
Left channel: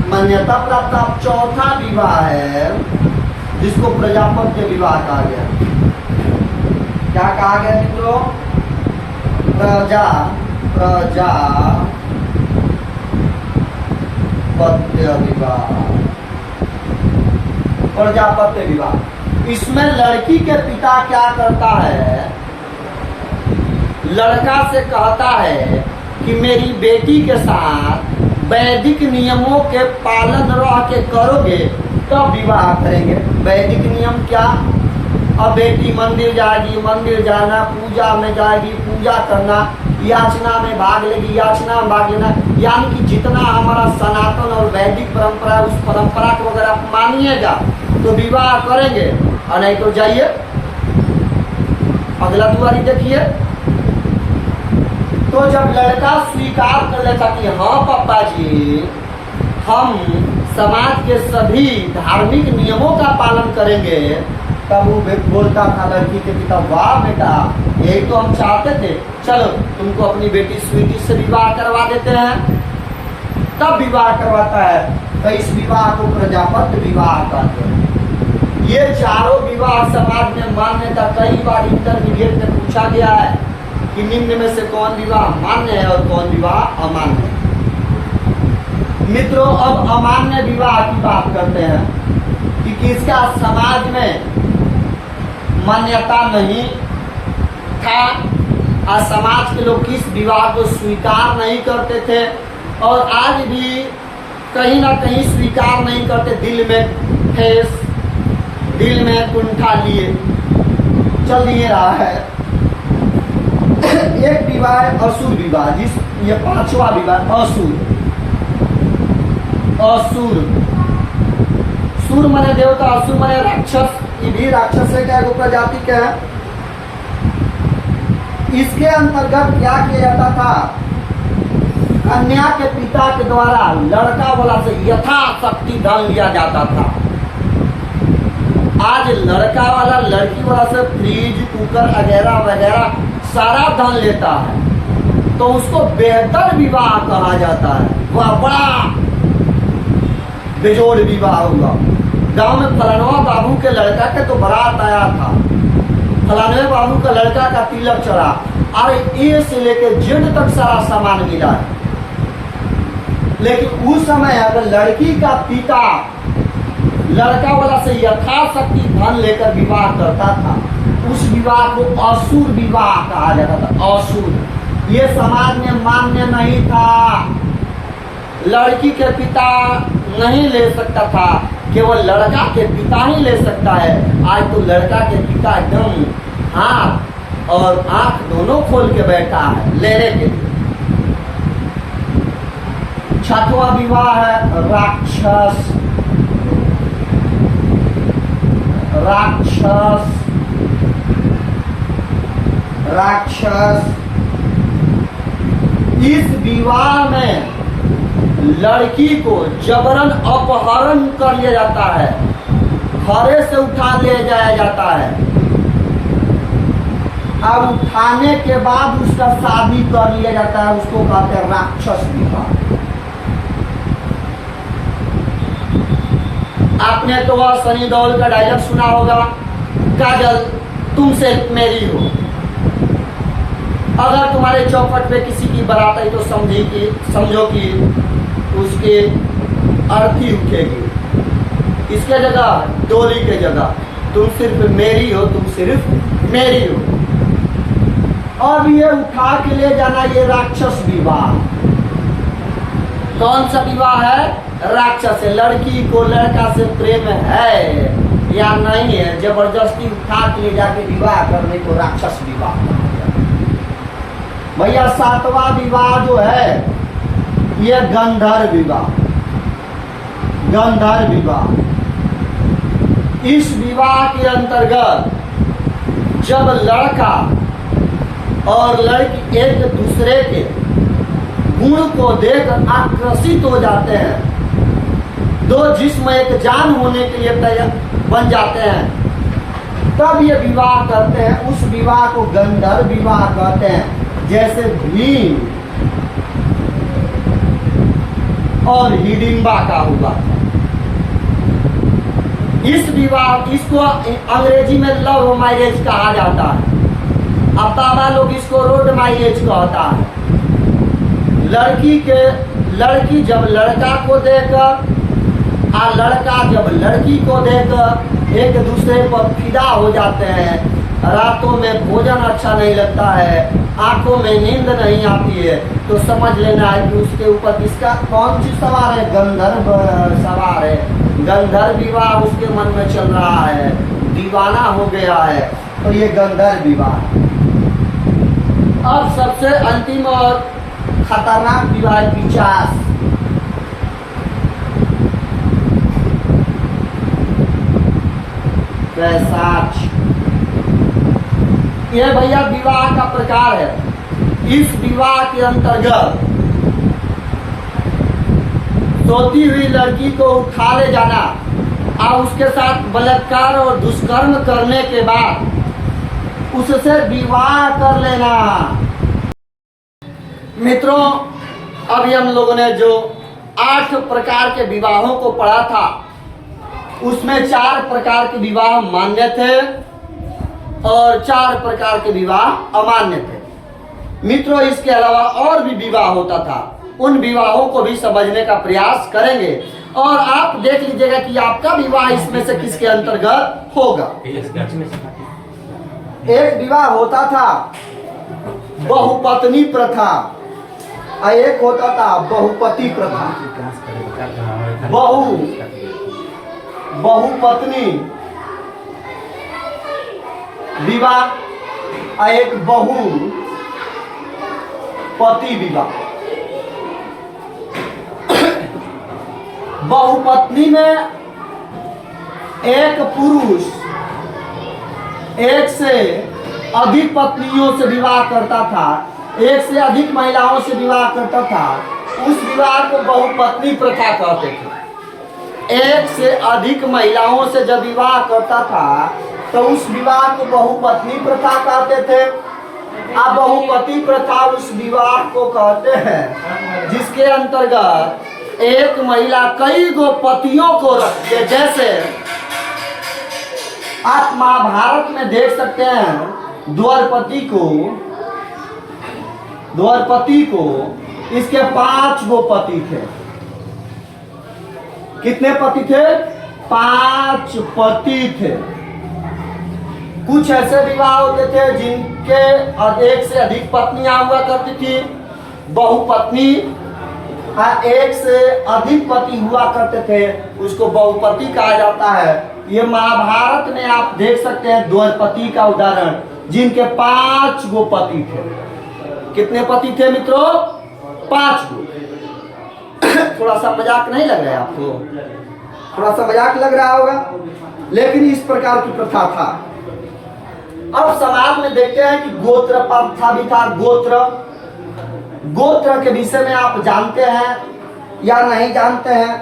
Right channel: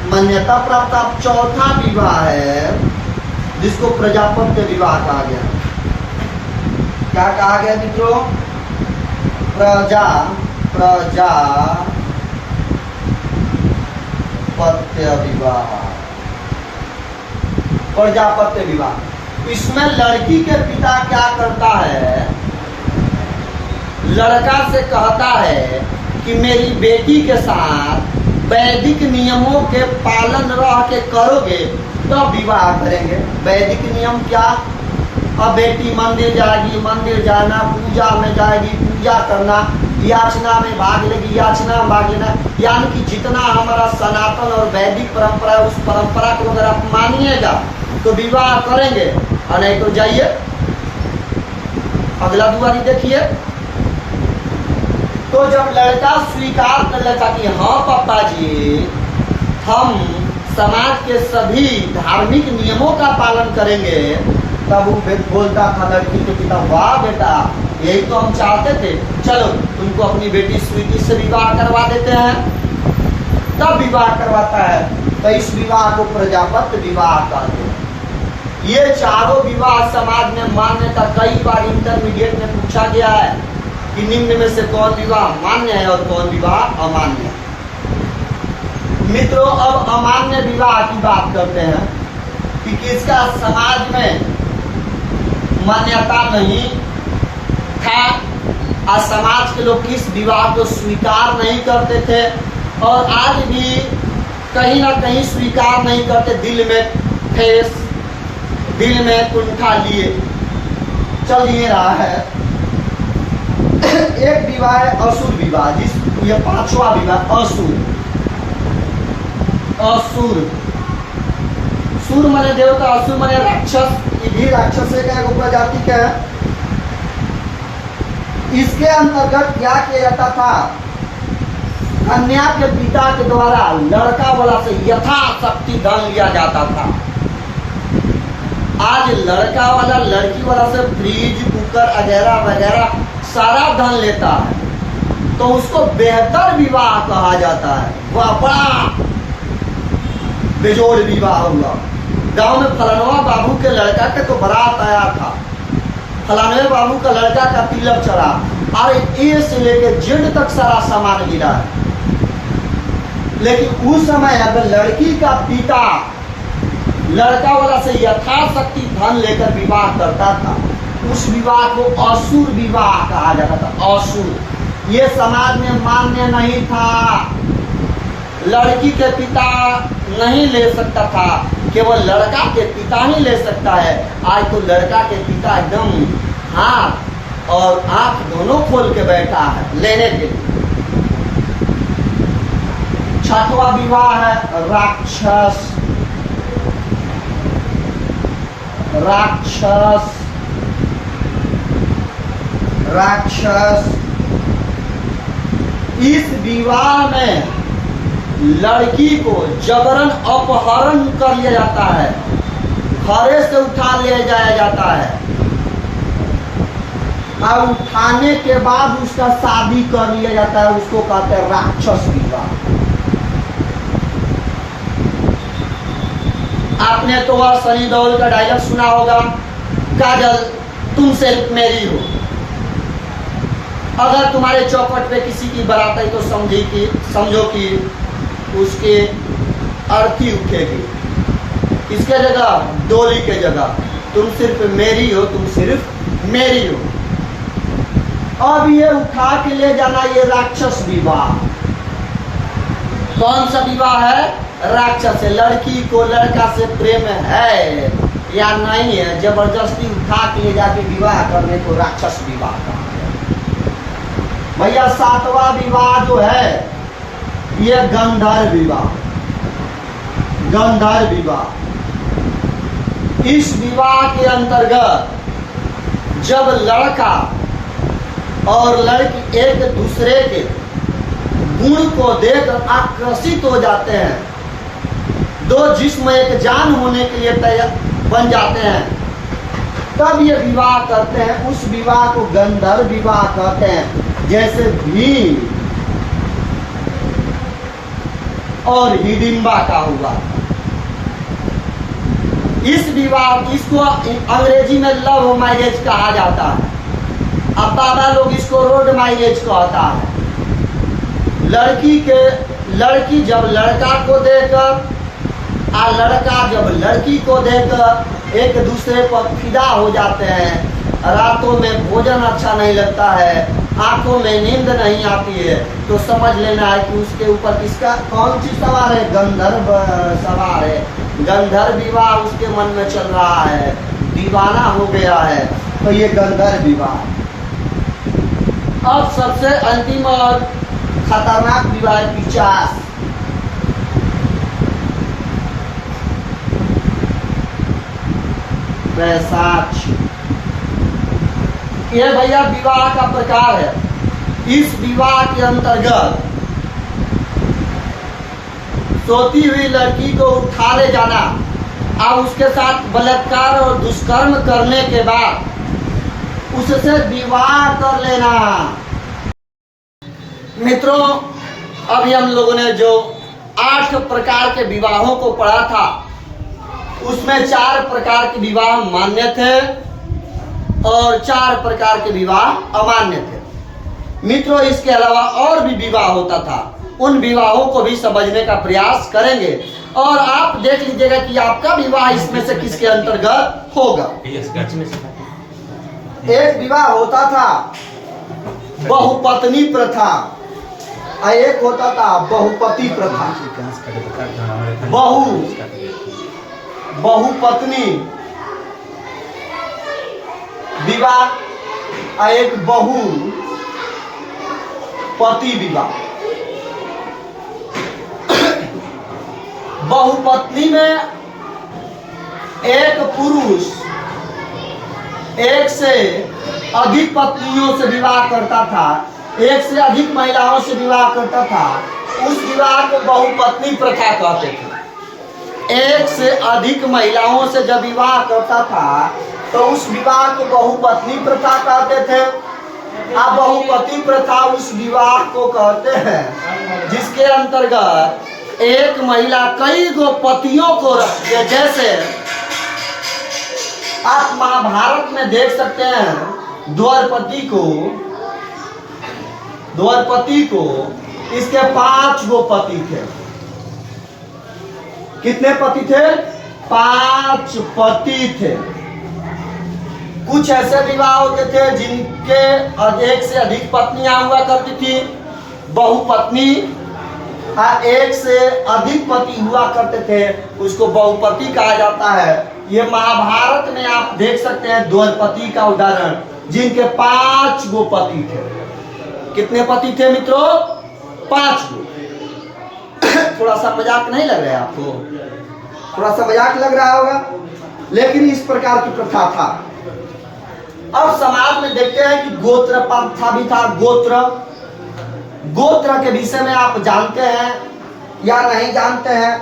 मान्यता प्राप्त अब चौथा विवाह है, जिसको प्रजापत्य विवाह कहा गया। क्या कहा गया मित्रों? प्रजापत्य विवाह, प्रजापत्य विवाह। इसमें लड़की के पिता क्या करता है, लड़का से कहता है कि मेरी बेटी के साथ वैदिक नियमों के पालन रह के करोगे तो विवाह करेंगे। वैदिक नियम क्या? अब बेटी मंदिर जाएगी, मंदिर जाना, पूजा में जाएगी, पूजा करना, याचना में भाग लेगी, याचना में भाग लेना, यानी कि जितना हमारा सनातन और वैदिक परंपरा है उस परंपरा को अगर आप मानिएगा तो विवाह करेंगे, और नहीं तो जाइए अगला दुआरी देखिए। तो जब लड़का स्वीकार कर लेता कि हाँ पापा जी हम समाज के सभी धार्मिक नियमों का पालन करेंगे, तब वो बोलता था लड़की के पिता, वाह बेटा यही तो हम चाहते थे, चलो तुमको अपनी बेटी स्वीटी से विवाह करवा देते हैं। तब विवाह करवाता है, तो इस विवाह को प्रजापत्य विवाह कहते हैं। ये चारों विवाह समाज में मान्य था। कई बार इंटरमीडिएट में पूछा गया है कि निम्न में से कौन विवाह मान्य है और कौन विवाह अमान्य है। मित्रों, अब अमान्य विवाह की बात करते हैं कि किसका समाज में मान्यता नहीं था, आज समाज के लोग किस विवाह को स्वीकार नहीं करते थे, और आज भी कहीं ना कहीं स्वीकार नहीं करते, दिल में ठेस, दिल में कुंठा लिए चल दिए रहा है। एक विवाह है असुर विवाह, जिस ये पांचवा विवाह असुर। असुर, सुर माने देवता, असुर माने राक्षस। ये भी राक्षस का एगो प्रजाति का है। इसके अंतर्गत क्या किया जाता था, कन्या के पिता के द्वारा लड़का वाला से यथाशक्ति धन लिया जाता था। आज लड़का वाला लड़की वाला से फ्रिज, कुकर वगैरह वगैरह सारा धन लेता है, तो उसको बेहतर विवाह कहा जाता है। वह बड़ा बेजोड़ विवाह हुआ। गांव में फलानवा बाबू के लड़का के तो बारात आया था, फलानवे बाबू का लड़का का तिलक चढ़ा, और ए से लेकर जेड तक सारा सामान मिला है। लेकिन उस समय अगर लड़की का पिता लड़का वाला से यथाशक्ति धन लेकर विवाह करता था, उस विवाह को असुर विवाह कहा जाता था। असुर ये समाज में मान्य नहीं था। लड़की के पिता नहीं ले सकता था, केवल लड़का के पिता ही ले सकता है। आज तो लड़का के पिता एकदम हाथ और आंख दोनों खोल के बैठा है लेने के लिए। छठवां विवाह है राक्षस। राक्षस राक्षस इस विवाह में लड़की को जबरन अपहरण कर लिया जाता है, खरे से उठा ले जाया जाता है, और उठाने के बाद उसका शादी कर लिया जाता है। उसको कहते हैं राक्षस विवाह। आपने तो वह सनी देओल का डायलॉग सुना होगा, काजल तुमसे मेरी हो। अगर तुम्हारे चौपट पे किसी की बारात आई तो समझो कि उसके अर्थी उठेगी। इसके जगह डोली के जगह तुम सिर्फ मेरी हो, तुम सिर्फ मेरी हो। अब ये उठा के ले जाना, ये राक्षस विवाह। कौन सा विवाह है? राक्षस है। लड़की को लड़का से प्रेम है या नहीं है, जबरदस्ती उठा के ले जाके विवाह करने को राक्षस विवाह कहते हैं। भैया सातवां विवाह जो है ये गंधर्व विवाह। गंधर्व विवाह, इस विवाह के अंतर्गत जब लड़का और लड़की एक दूसरे के गुण को देखकर आकर्षित हो जाते हैं, दो जिस्म एक जान होने के लिए तैयार बन जाते हैं, तब ये विवाह करते हैं। उस विवाह को गंधर्व विवाह कहते हैं। जैसे भीम और हिडिंबा का हुआ था। इस विवाह, इसको अंग्रेजी में लव मैरिज कहा जाता है। अब बाबा लोग इसको रोड मैरिज कहता है। लड़की जब लड़का को देकर और लड़का जब लड़की को देखकर एक दूसरे पर फिदा हो जाते हैं, रातों में भोजन अच्छा नहीं लगता है, आंखों में नींद नहीं आती है, तो समझ लेना है कि उसके ऊपर किसका कौन सी सवार है? गंधर्व सवार है। गंधर्व विवाह उसके मन में चल रहा है, दीवाना हो गया है, तो ये गंधर्व विवाह है। अब सबसे अंतिम और खतरनाक विवाह 50। पैसाच। यह भैया विवाह का प्रकार है। इस विवाह के अंतर्गत सोती हुई लड़की को उठा ले जाना और उसके साथ बलात्कार और दुष्कर्म करने के बाद उससे विवाह कर लेना। मित्रों, अभी हम लोगों ने जो 8 प्रकार के विवाहों को पढ़ा था, उसमें 4 प्रकार के विवाह मान्य थे और 4 प्रकार के विवाह अमान्य थे। मित्रों, इसके अलावा और भी विवाह होता था, उन विवाहों को भी समझने का प्रयास करेंगे और आप देख लीजिएगा कि आपका विवाह इसमें से किसके अंतर्गत होगा। एक विवाह होता था बहुपत्नी प्रथा और एक होता था बहुपति प्रथा। बहुपत्नी विवाह और एक बहुपति विवाह। बहुपत्नी में एक पुरुष एक से अधिक पत्नियों से विवाह करता था, एक से अधिक महिलाओं से विवाह करता था, उस विवाह को बहुपत्नी प्रथा कहते थे। एक से अधिक महिलाओं से जब विवाह करता था तो उस विवाह को बहुपत्नी प्रथा कहते थे। अब बहुपति प्रथा उस विवाह को कहते हैं जिसके अंतर्गत एक महिला कई गो पतियों को रखती है। जैसे आप महाभारत में देख सकते हैं द्वारपति को इसके 5 गो पति थे। कितने पति थे? 5 पति थे। कुछ ऐसे विवाह होते थे जिनके एक से अधिक पत्नियां हुआ करती थी, बहुपत्नी। एक से अधिक पति हुआ करते थे, उसको बहुपति कहा जाता है। ये महाभारत में आप देख सकते हैं द्वारपति का उदाहरण, जिनके 5 गो पति थे। कितने पति थे मित्रों? 5 गो। थोड़ा सा मजाक नहीं लग रहा है आपको? थोड़ा सा मजाक लग रहा होगा, लेकिन इस प्रकार की प्रथा था। अब समाज में देखते हैं कि गोत्र प्रथा भी था। गोत्र के विषय में आप जानते हैं या नहीं जानते हैं?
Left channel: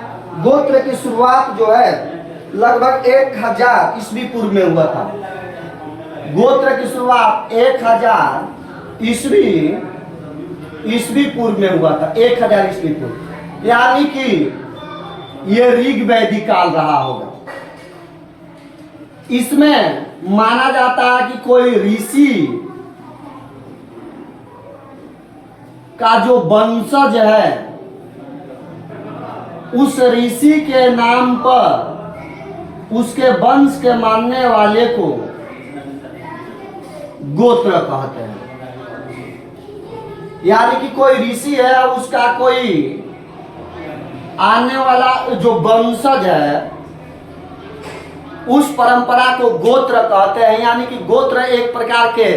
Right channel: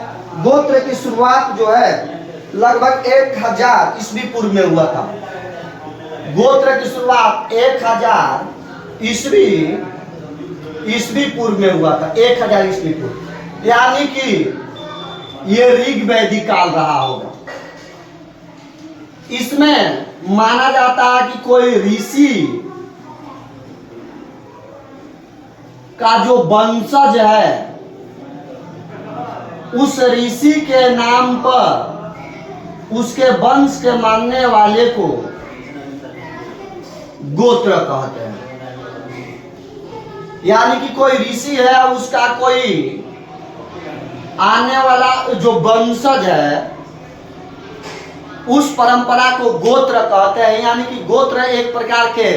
गोत्र की शुरुआत जो है लगभग 1000 ईस्वी पूर्व में हुआ था। गोत्र की शुरुआत 1000 ईस्वी पूर्व में हुआ था। 1000 ईस्वी पूर्व, यानी कि ये ऋग वैदिक काल रहा होगा। इसमें माना जाता है कि कोई ऋषि का जो वंशज है, उस ऋषि के नाम पर उसके वंश के मानने वाले को गोत्र कहते हैं। यानी कि कोई ऋषि है, उसका कोई आने वाला जो वंशज है, उस परंपरा को गोत्र कहते हैं। यानी कि गोत्र एक प्रकार के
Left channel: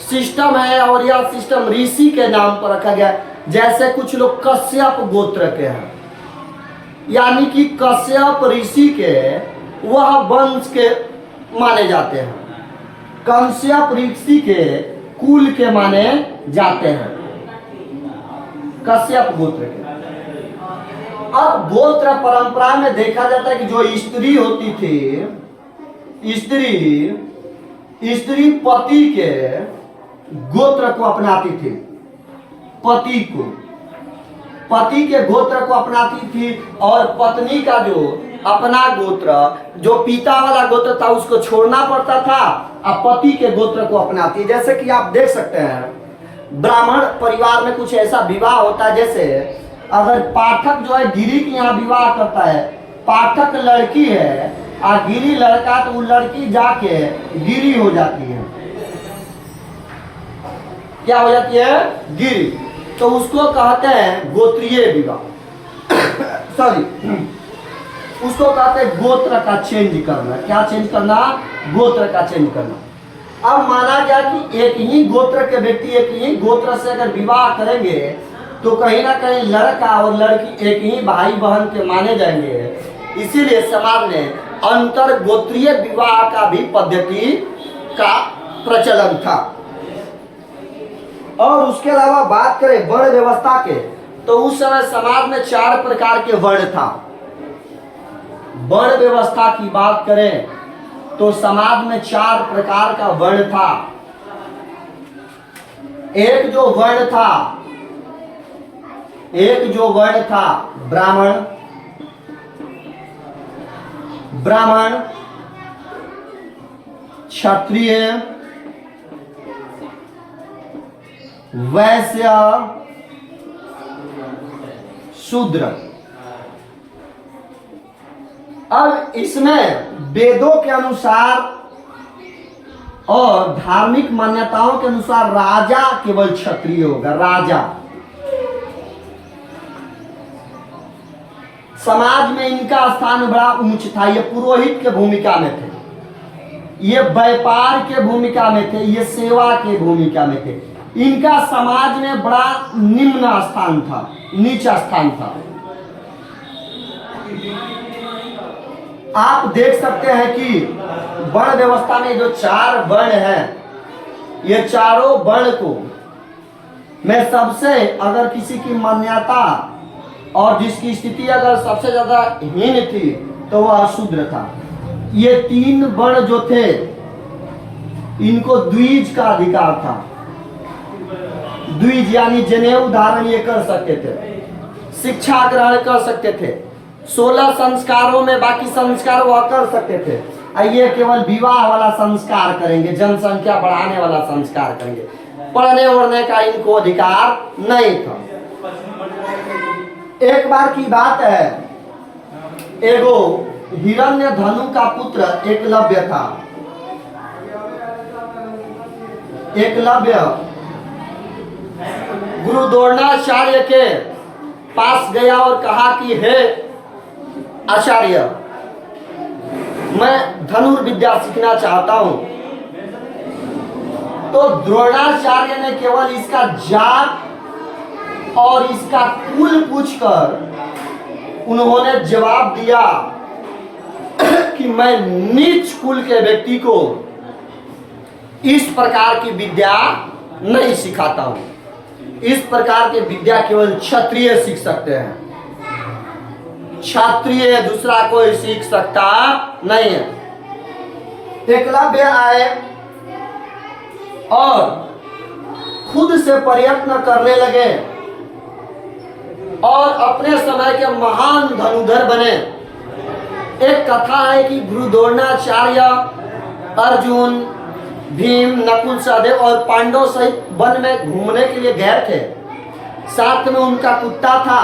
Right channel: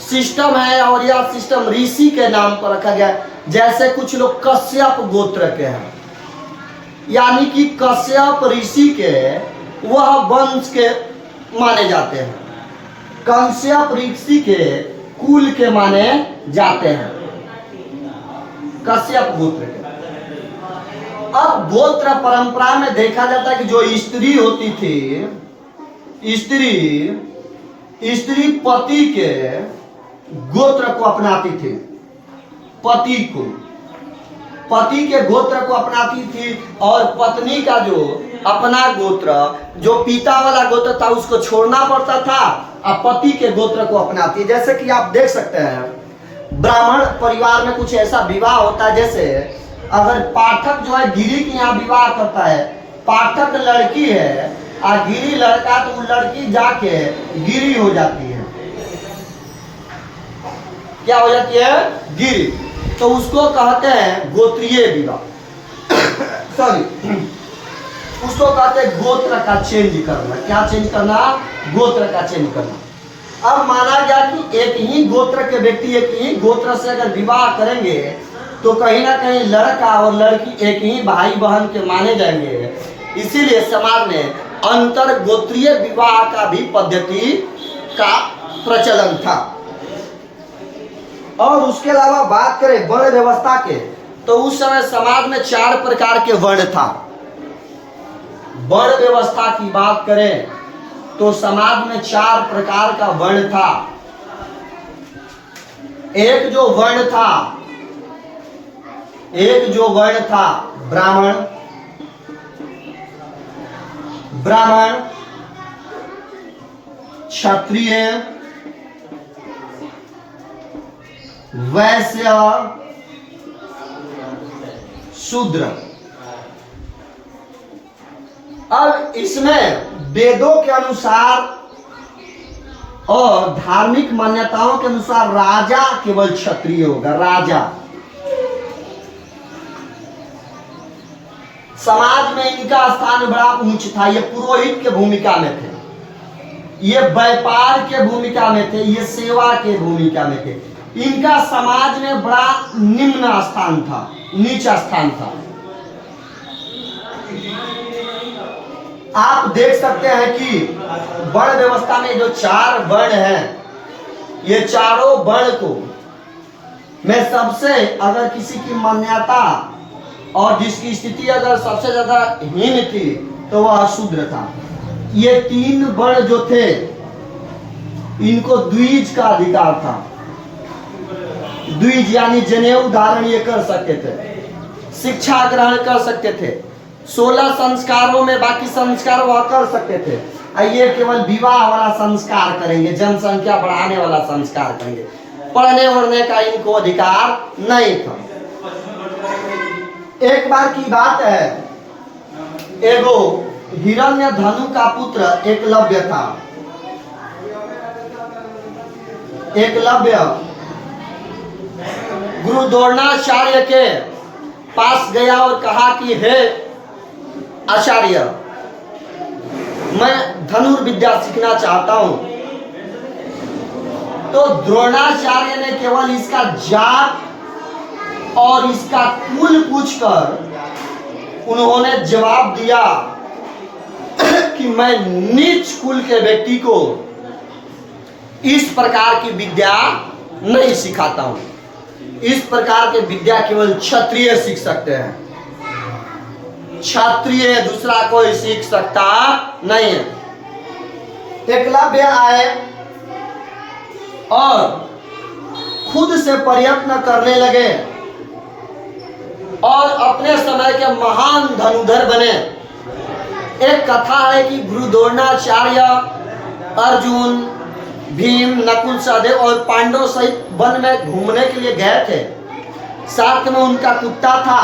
सिस्टम है और यह सिस्टम ऋषि के नाम पर रखा गया। जैसे कुछ लोग कश्यप गोत्र के हैं, यानी कि कश्यप ऋषि के वह वंश के माने जाते हैं, कश्यप ऋषि के कुल के माने जाते हैं, कश्यप गोत्र के। अब गोत्र परंपरा में देखा जाता है कि जो स्त्री होती थी, स्त्री पति के गोत्र को अपनाती थी। पति के गोत्र को अपनाती थी और पत्नी का जो अपना गोत्र, जो पिता वाला गोत्र था, उसको छोड़ना पड़ता था और पति के गोत्र को अपनाती। जैसे कि आप देख सकते हैं ब्राह्मण परिवार में कुछ ऐसा विवाह होता है, जैसे अगर पाठक जो है गिरी के यहाँ विवाह करता है, पाठक लड़की है और गिरी लड़का, तो वो लड़की जाके गिरी हो जाती है। क्या हो जाती है? गिरी। तो उसको कहते हैं गोत्रीय विवाह। सॉरी, उसको कहते हैं गोत्र का चेंज करना। क्या चेंज करना? गोत्र का चेंज करना। अब माना गया कि एक ही गोत्र के व्यक्ति एक ही गोत्र से अगर विवाह करेंगे तो कहीं ना कहीं लड़का और लड़की एक ही भाई बहन के माने जाएंगे। इसीलिए समाज में अंतर गोत्रीय विवाह का भी पद्धति का प्रचलन था। और उसके अलावा बात करें वर्ण व्यवस्था के, तो उस समय समाज में 4 प्रकार के वर्ण था। वर्ण व्यवस्था की बात करें तो समाज में 4 प्रकार का वर्ण था। एक जो वर्ण था ब्राह्मण, क्षत्रिय, वैश्य, शूद्र। अब इसमें वेदों के अनुसार और धार्मिक मान्यताओं के अनुसार राजा केवल क्षत्रिय होगा। राजा समाज में इनका स्थान बड़ा ऊंच था। ये पुरोहित के भूमिका में थे, ये व्यापार के भूमिका में थे, ये सेवा के भूमिका में थे। इनका समाज में बड़ा निम्न स्थान था, नीचा स्थान था। आप देख सकते हैं कि वर्ण व्यवस्था में जो 4 वर्ण हैं, ये चारों वर्ण को में सबसे अगर किसी की मान्यता और जिसकी स्थिति अगर सबसे ज्यादा हीन थी तो वह शूद्र था। ये 3 वर्ण जो थे इनको द्विज का अधिकार था। द्विज यानी जनेऊ धारण ये कर सकते थे, शिक्षा ग्रहण कर सकते थे, 16 संस्कारों में बाकी संस्कार वह कर सकते थे। ये केवल विवाह वाला संस्कार करेंगे, जनसंख्या बढ़ाने वाला संस्कार करेंगे, पढ़ने वढ़ने का इनको अधिकार नहीं था। एक बार की बात है, एगो हिरण्यधनु का पुत्र एकलव्य था। एकलव्य गुरु द्रोणाचार्य के पास गया और कहा कि हे आचार्य, मैं धनुर्विद्या सीखना चाहता हूं। तो द्रोणाचार्य ने केवल इसका जात और इसका कुल पूछकर उन्होंने जवाब दिया कि मैं नीच कुल के व्यक्ति को इस प्रकार की विद्या नहीं सिखाता हूं। इस प्रकार की विद्या केवल क्षत्रिय सीख सकते हैं, क्षत्रिय दूसरा कोई सीख सकता नहीं है। एकलव्य आए और खुद से प्रयत्न करने लगे और अपने समय के महान धनुधर बने। एक कथा है कि गुरु द्रोणाचार्य अर्जुन, भीम, नकुल, सहदेव और पांडव सहित वन में घूमने के लिए गए थे। साथ में उनका कुत्ता था।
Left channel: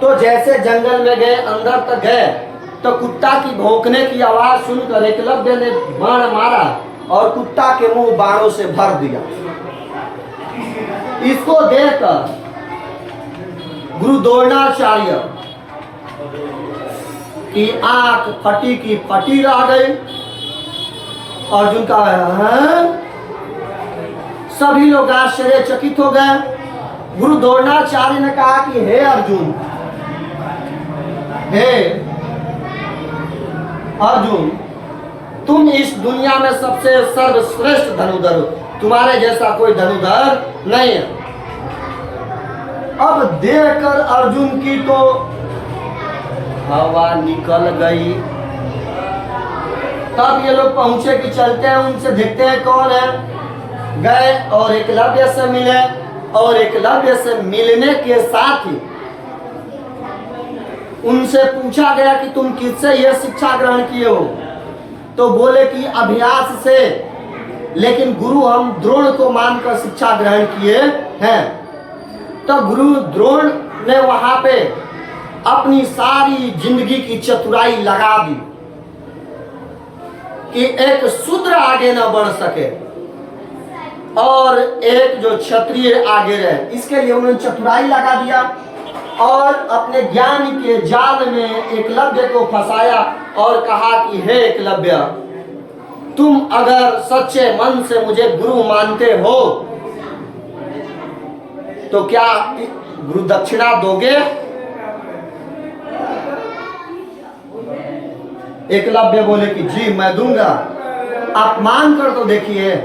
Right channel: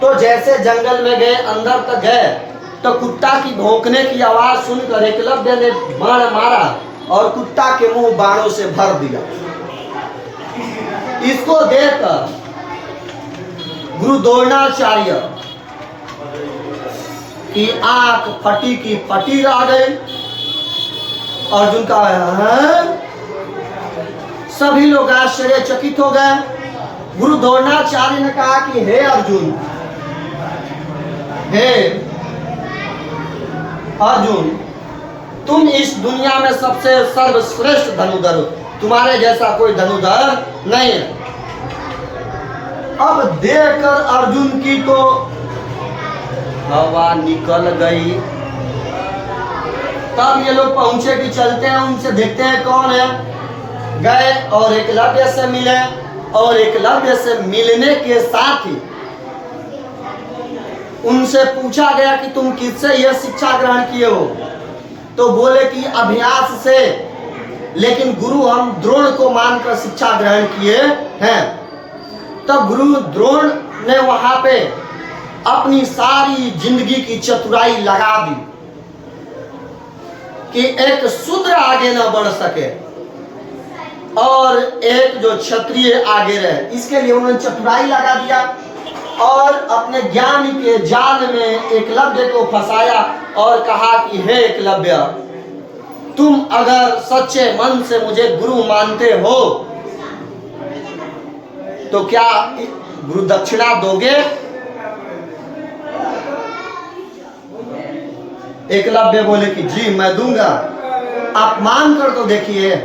तो जैसे जंगल में गए, अंदर तक गए, तो कुत्ता की भौंकने की आवाज सुनकर एकलव्य ने बाण मारा और कुत्ता के मुंह बाणों से भर दिया। इसको देखकर गुरु द्रोणाचार्य की आंख फटी की फटी रह गई। अर्जुन का सभी लोग आश्चर्यचकित हो गए। गुरु द्रोणाचार्य ने कहा कि हे अर्जुन, हे अर्जुन, तुम इस दुनिया में सबसे सर्वश्रेष्ठ धनुधर हो, तुम्हारे जैसा कोई धनुधर नहीं है। अब देखकर अर्जुन की तो हवा निकल गई। तब ये लोग पहुंचे कि चलते हैं उनसे देखते हैं कौन है। गए और एकलव्य से मिले और एकलव्य से मिलने के साथ ही उनसे पूछा गया कि तुम किससे यह शिक्षा ग्रहण किए हो। तो बोले कि अभ्यास से, लेकिन गुरु हम द्रोण को मानकर शिक्षा ग्रहण किए हैं। तो गुरु द्रोण ने वहां पे अपनी सारी जिंदगी की चतुराई लगा दी कि एक शूद्र आगे न बढ़ सके और एक जो क्षत्रिय आगे रहे। इसके लिए उन्होंने चतुराई लगा दिया और अपने ज्ञान के जाल में एकलव्य को फंसाया और कहा कि हे एकलव्य, तुम अगर सच्चे मन से मुझे गुरु मानते हो तो क्या गुरु दक्षिणा दोगे? एकलव्य बोले कि जी मैं दूंगा। आप मान कर तो देखिए।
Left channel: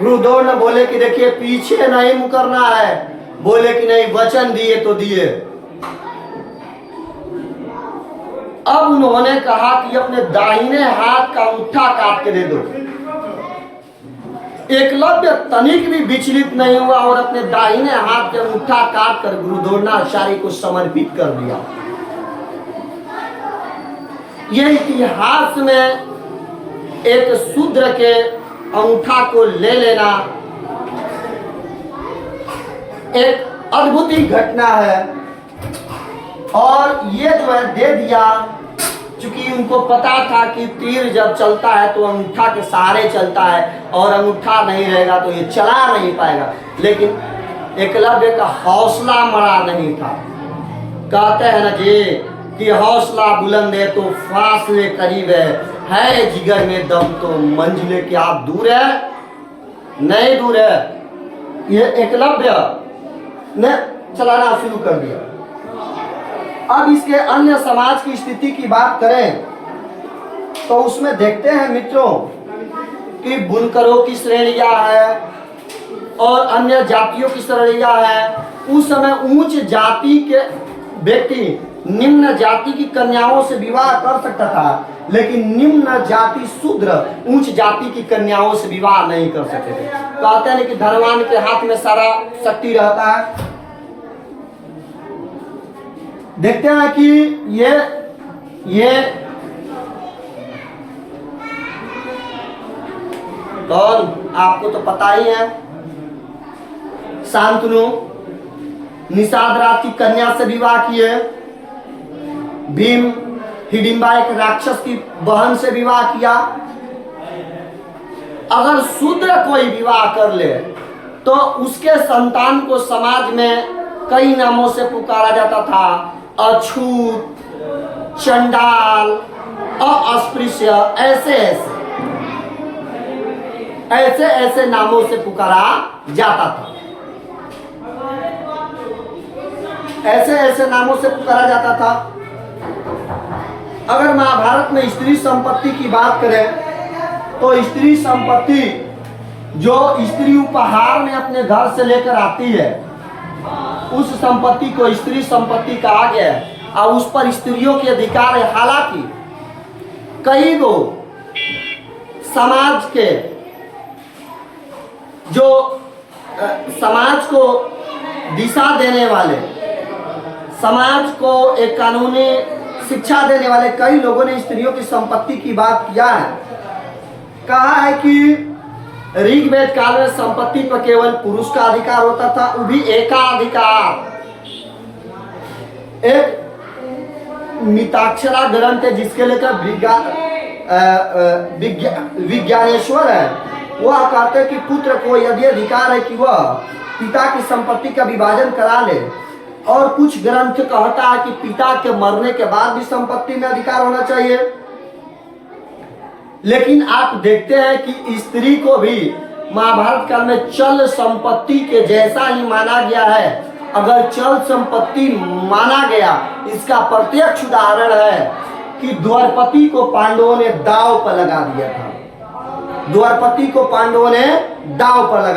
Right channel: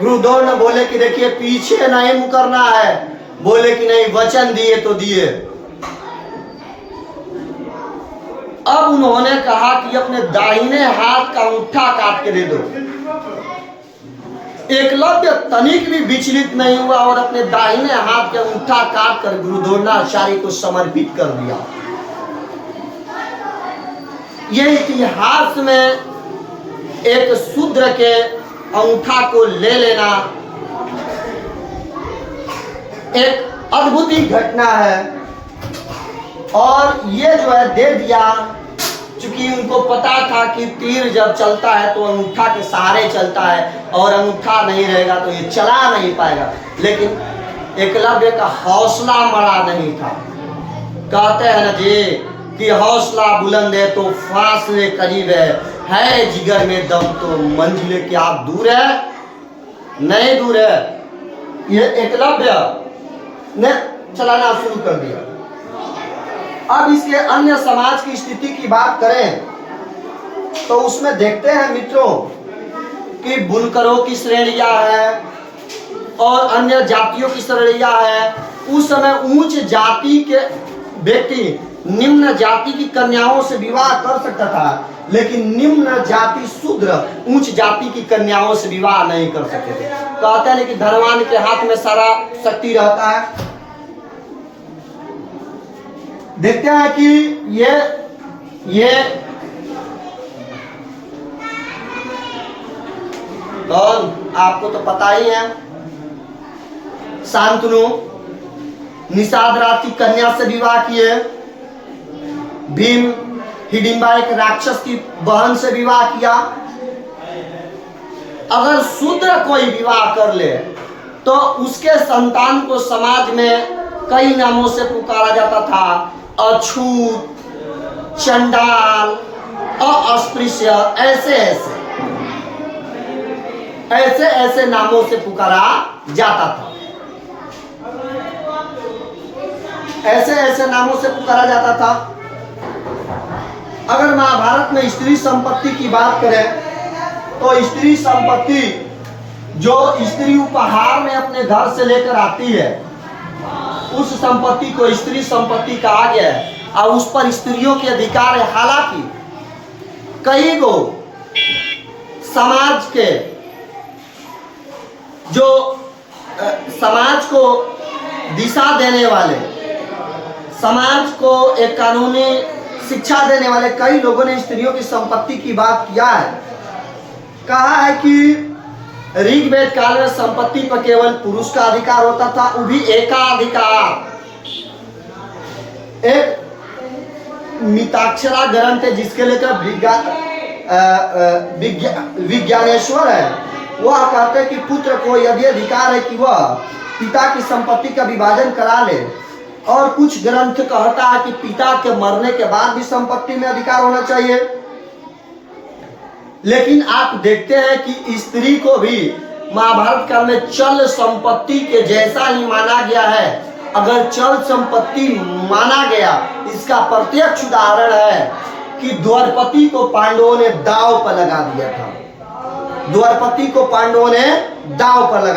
गुरुदेव ने बोले कि देखिए पीछे नहीं मुकरना है। बोले कि नहीं, वचन दिए तो दिए। अब उन्होंने कहा कि अपने दाहिने हाथ का अंगूठा काट के दे दो। एकलव्य तनिक भी विचलित नहीं हुआ और अपने दाहिने हाथ के अंगूठा काट कर गुरु द्रोणाचार्य को समर्पित कर दिया। यह इतिहास में एक शूद्र के अंगूठा को ले लेना एक अद्भुत ही घटना है। और ये जो है दे दिया, क्योंकि उनको पता था कि तीर जब चलता है तो अंगूठा के सहारे चलता है और अंगूठा नहीं रहेगा तो ये चला नहीं पाएगा। लेकिन एकलव्य का हौसला मरा नहीं था। कहते हैं ना जी कि हौसला बुलंद है तो फासले करीब है जिगर में दम तो मंजिले क्या दूर है? नहीं दूर है। ये एकलव्य ने चलाना शुरू कर दिया। अब इसके अन्य समाज की स्थिति की बात करें तो उसमें देखते हैं मित्रों कि बुनकरों की श्रेणियां है और अन्य जातियों की श्रेणियां है। उस समय उच्च जाति के व्यक्ति निम्न जाति की कन्याओं से विवाह कर सकता था, लेकिन निम्न जाति शूद्र उच्च जाति की कन्याओं से विवाह नहीं कर सकते थे। कहते हैं कि धनवान के हाथ में सारा शक्ति रहता है। देखते हैं कि ये कौन, आपको तो पता ही है। शांतनु निषाद राज की कन्या से विवाह किए। भीम हिडिंबा एक राक्षस की बहन से विवाह किया। अगर शूद्र कोई विवाह कर ले तो उसके संतान को समाज में कई नामों से पुकारा जाता था। अछूत, चंडाल, अस्पृश्य, ऐसे नामों से पुकारा जाता था। ऐसे नामों से पुकारा जाता था। अगर महाभारत में स्त्री संपत्ति की बात करें तो स्त्री संपत्ति जो स्त्री उपहार में अपने घर से लेकर आती है उस संपत्ति को स्त्री संपत्ति कहा गया है और उस पर स्त्रियों के अधिकार है। हालांकि कई गो समाज के जो समाज को दिशा देने वाले, समाज को एक कानूनी शिक्षा देने वाले कई लोगों ने स्त्रियों की संपत्ति की बात किया है। कहा है कि ऋग्वेद काल में संपत्ति पर केवल पुरुष का अधिकार होता था, वो भी एकाधिकार। एक मिताक्षरा ग्रंथ है जिसके लेकर विज्ञानेश्वर है, वह कहते हैं कि पुत्र को यदि अधिकार है कि वह पिता की संपत्ति का विभाजन करा ले। और कुछ ग्रंथ कहता है कि पिता के मरने के बाद भी संपत्ति में अधिकार होना चाहिए। लेकिन आप देखते हैं कि स्त्री को भी महाभारत काल में चल संपत्ति के जैसा ही माना गया है। अगर चल संपत्ति माना गया, इसका प्रत्यक्ष उदाहरण है कि द्वारपति को पांडवों ने दांव पर लगा दिया था। द्वारपति को पांडवों ने दांव पर लगा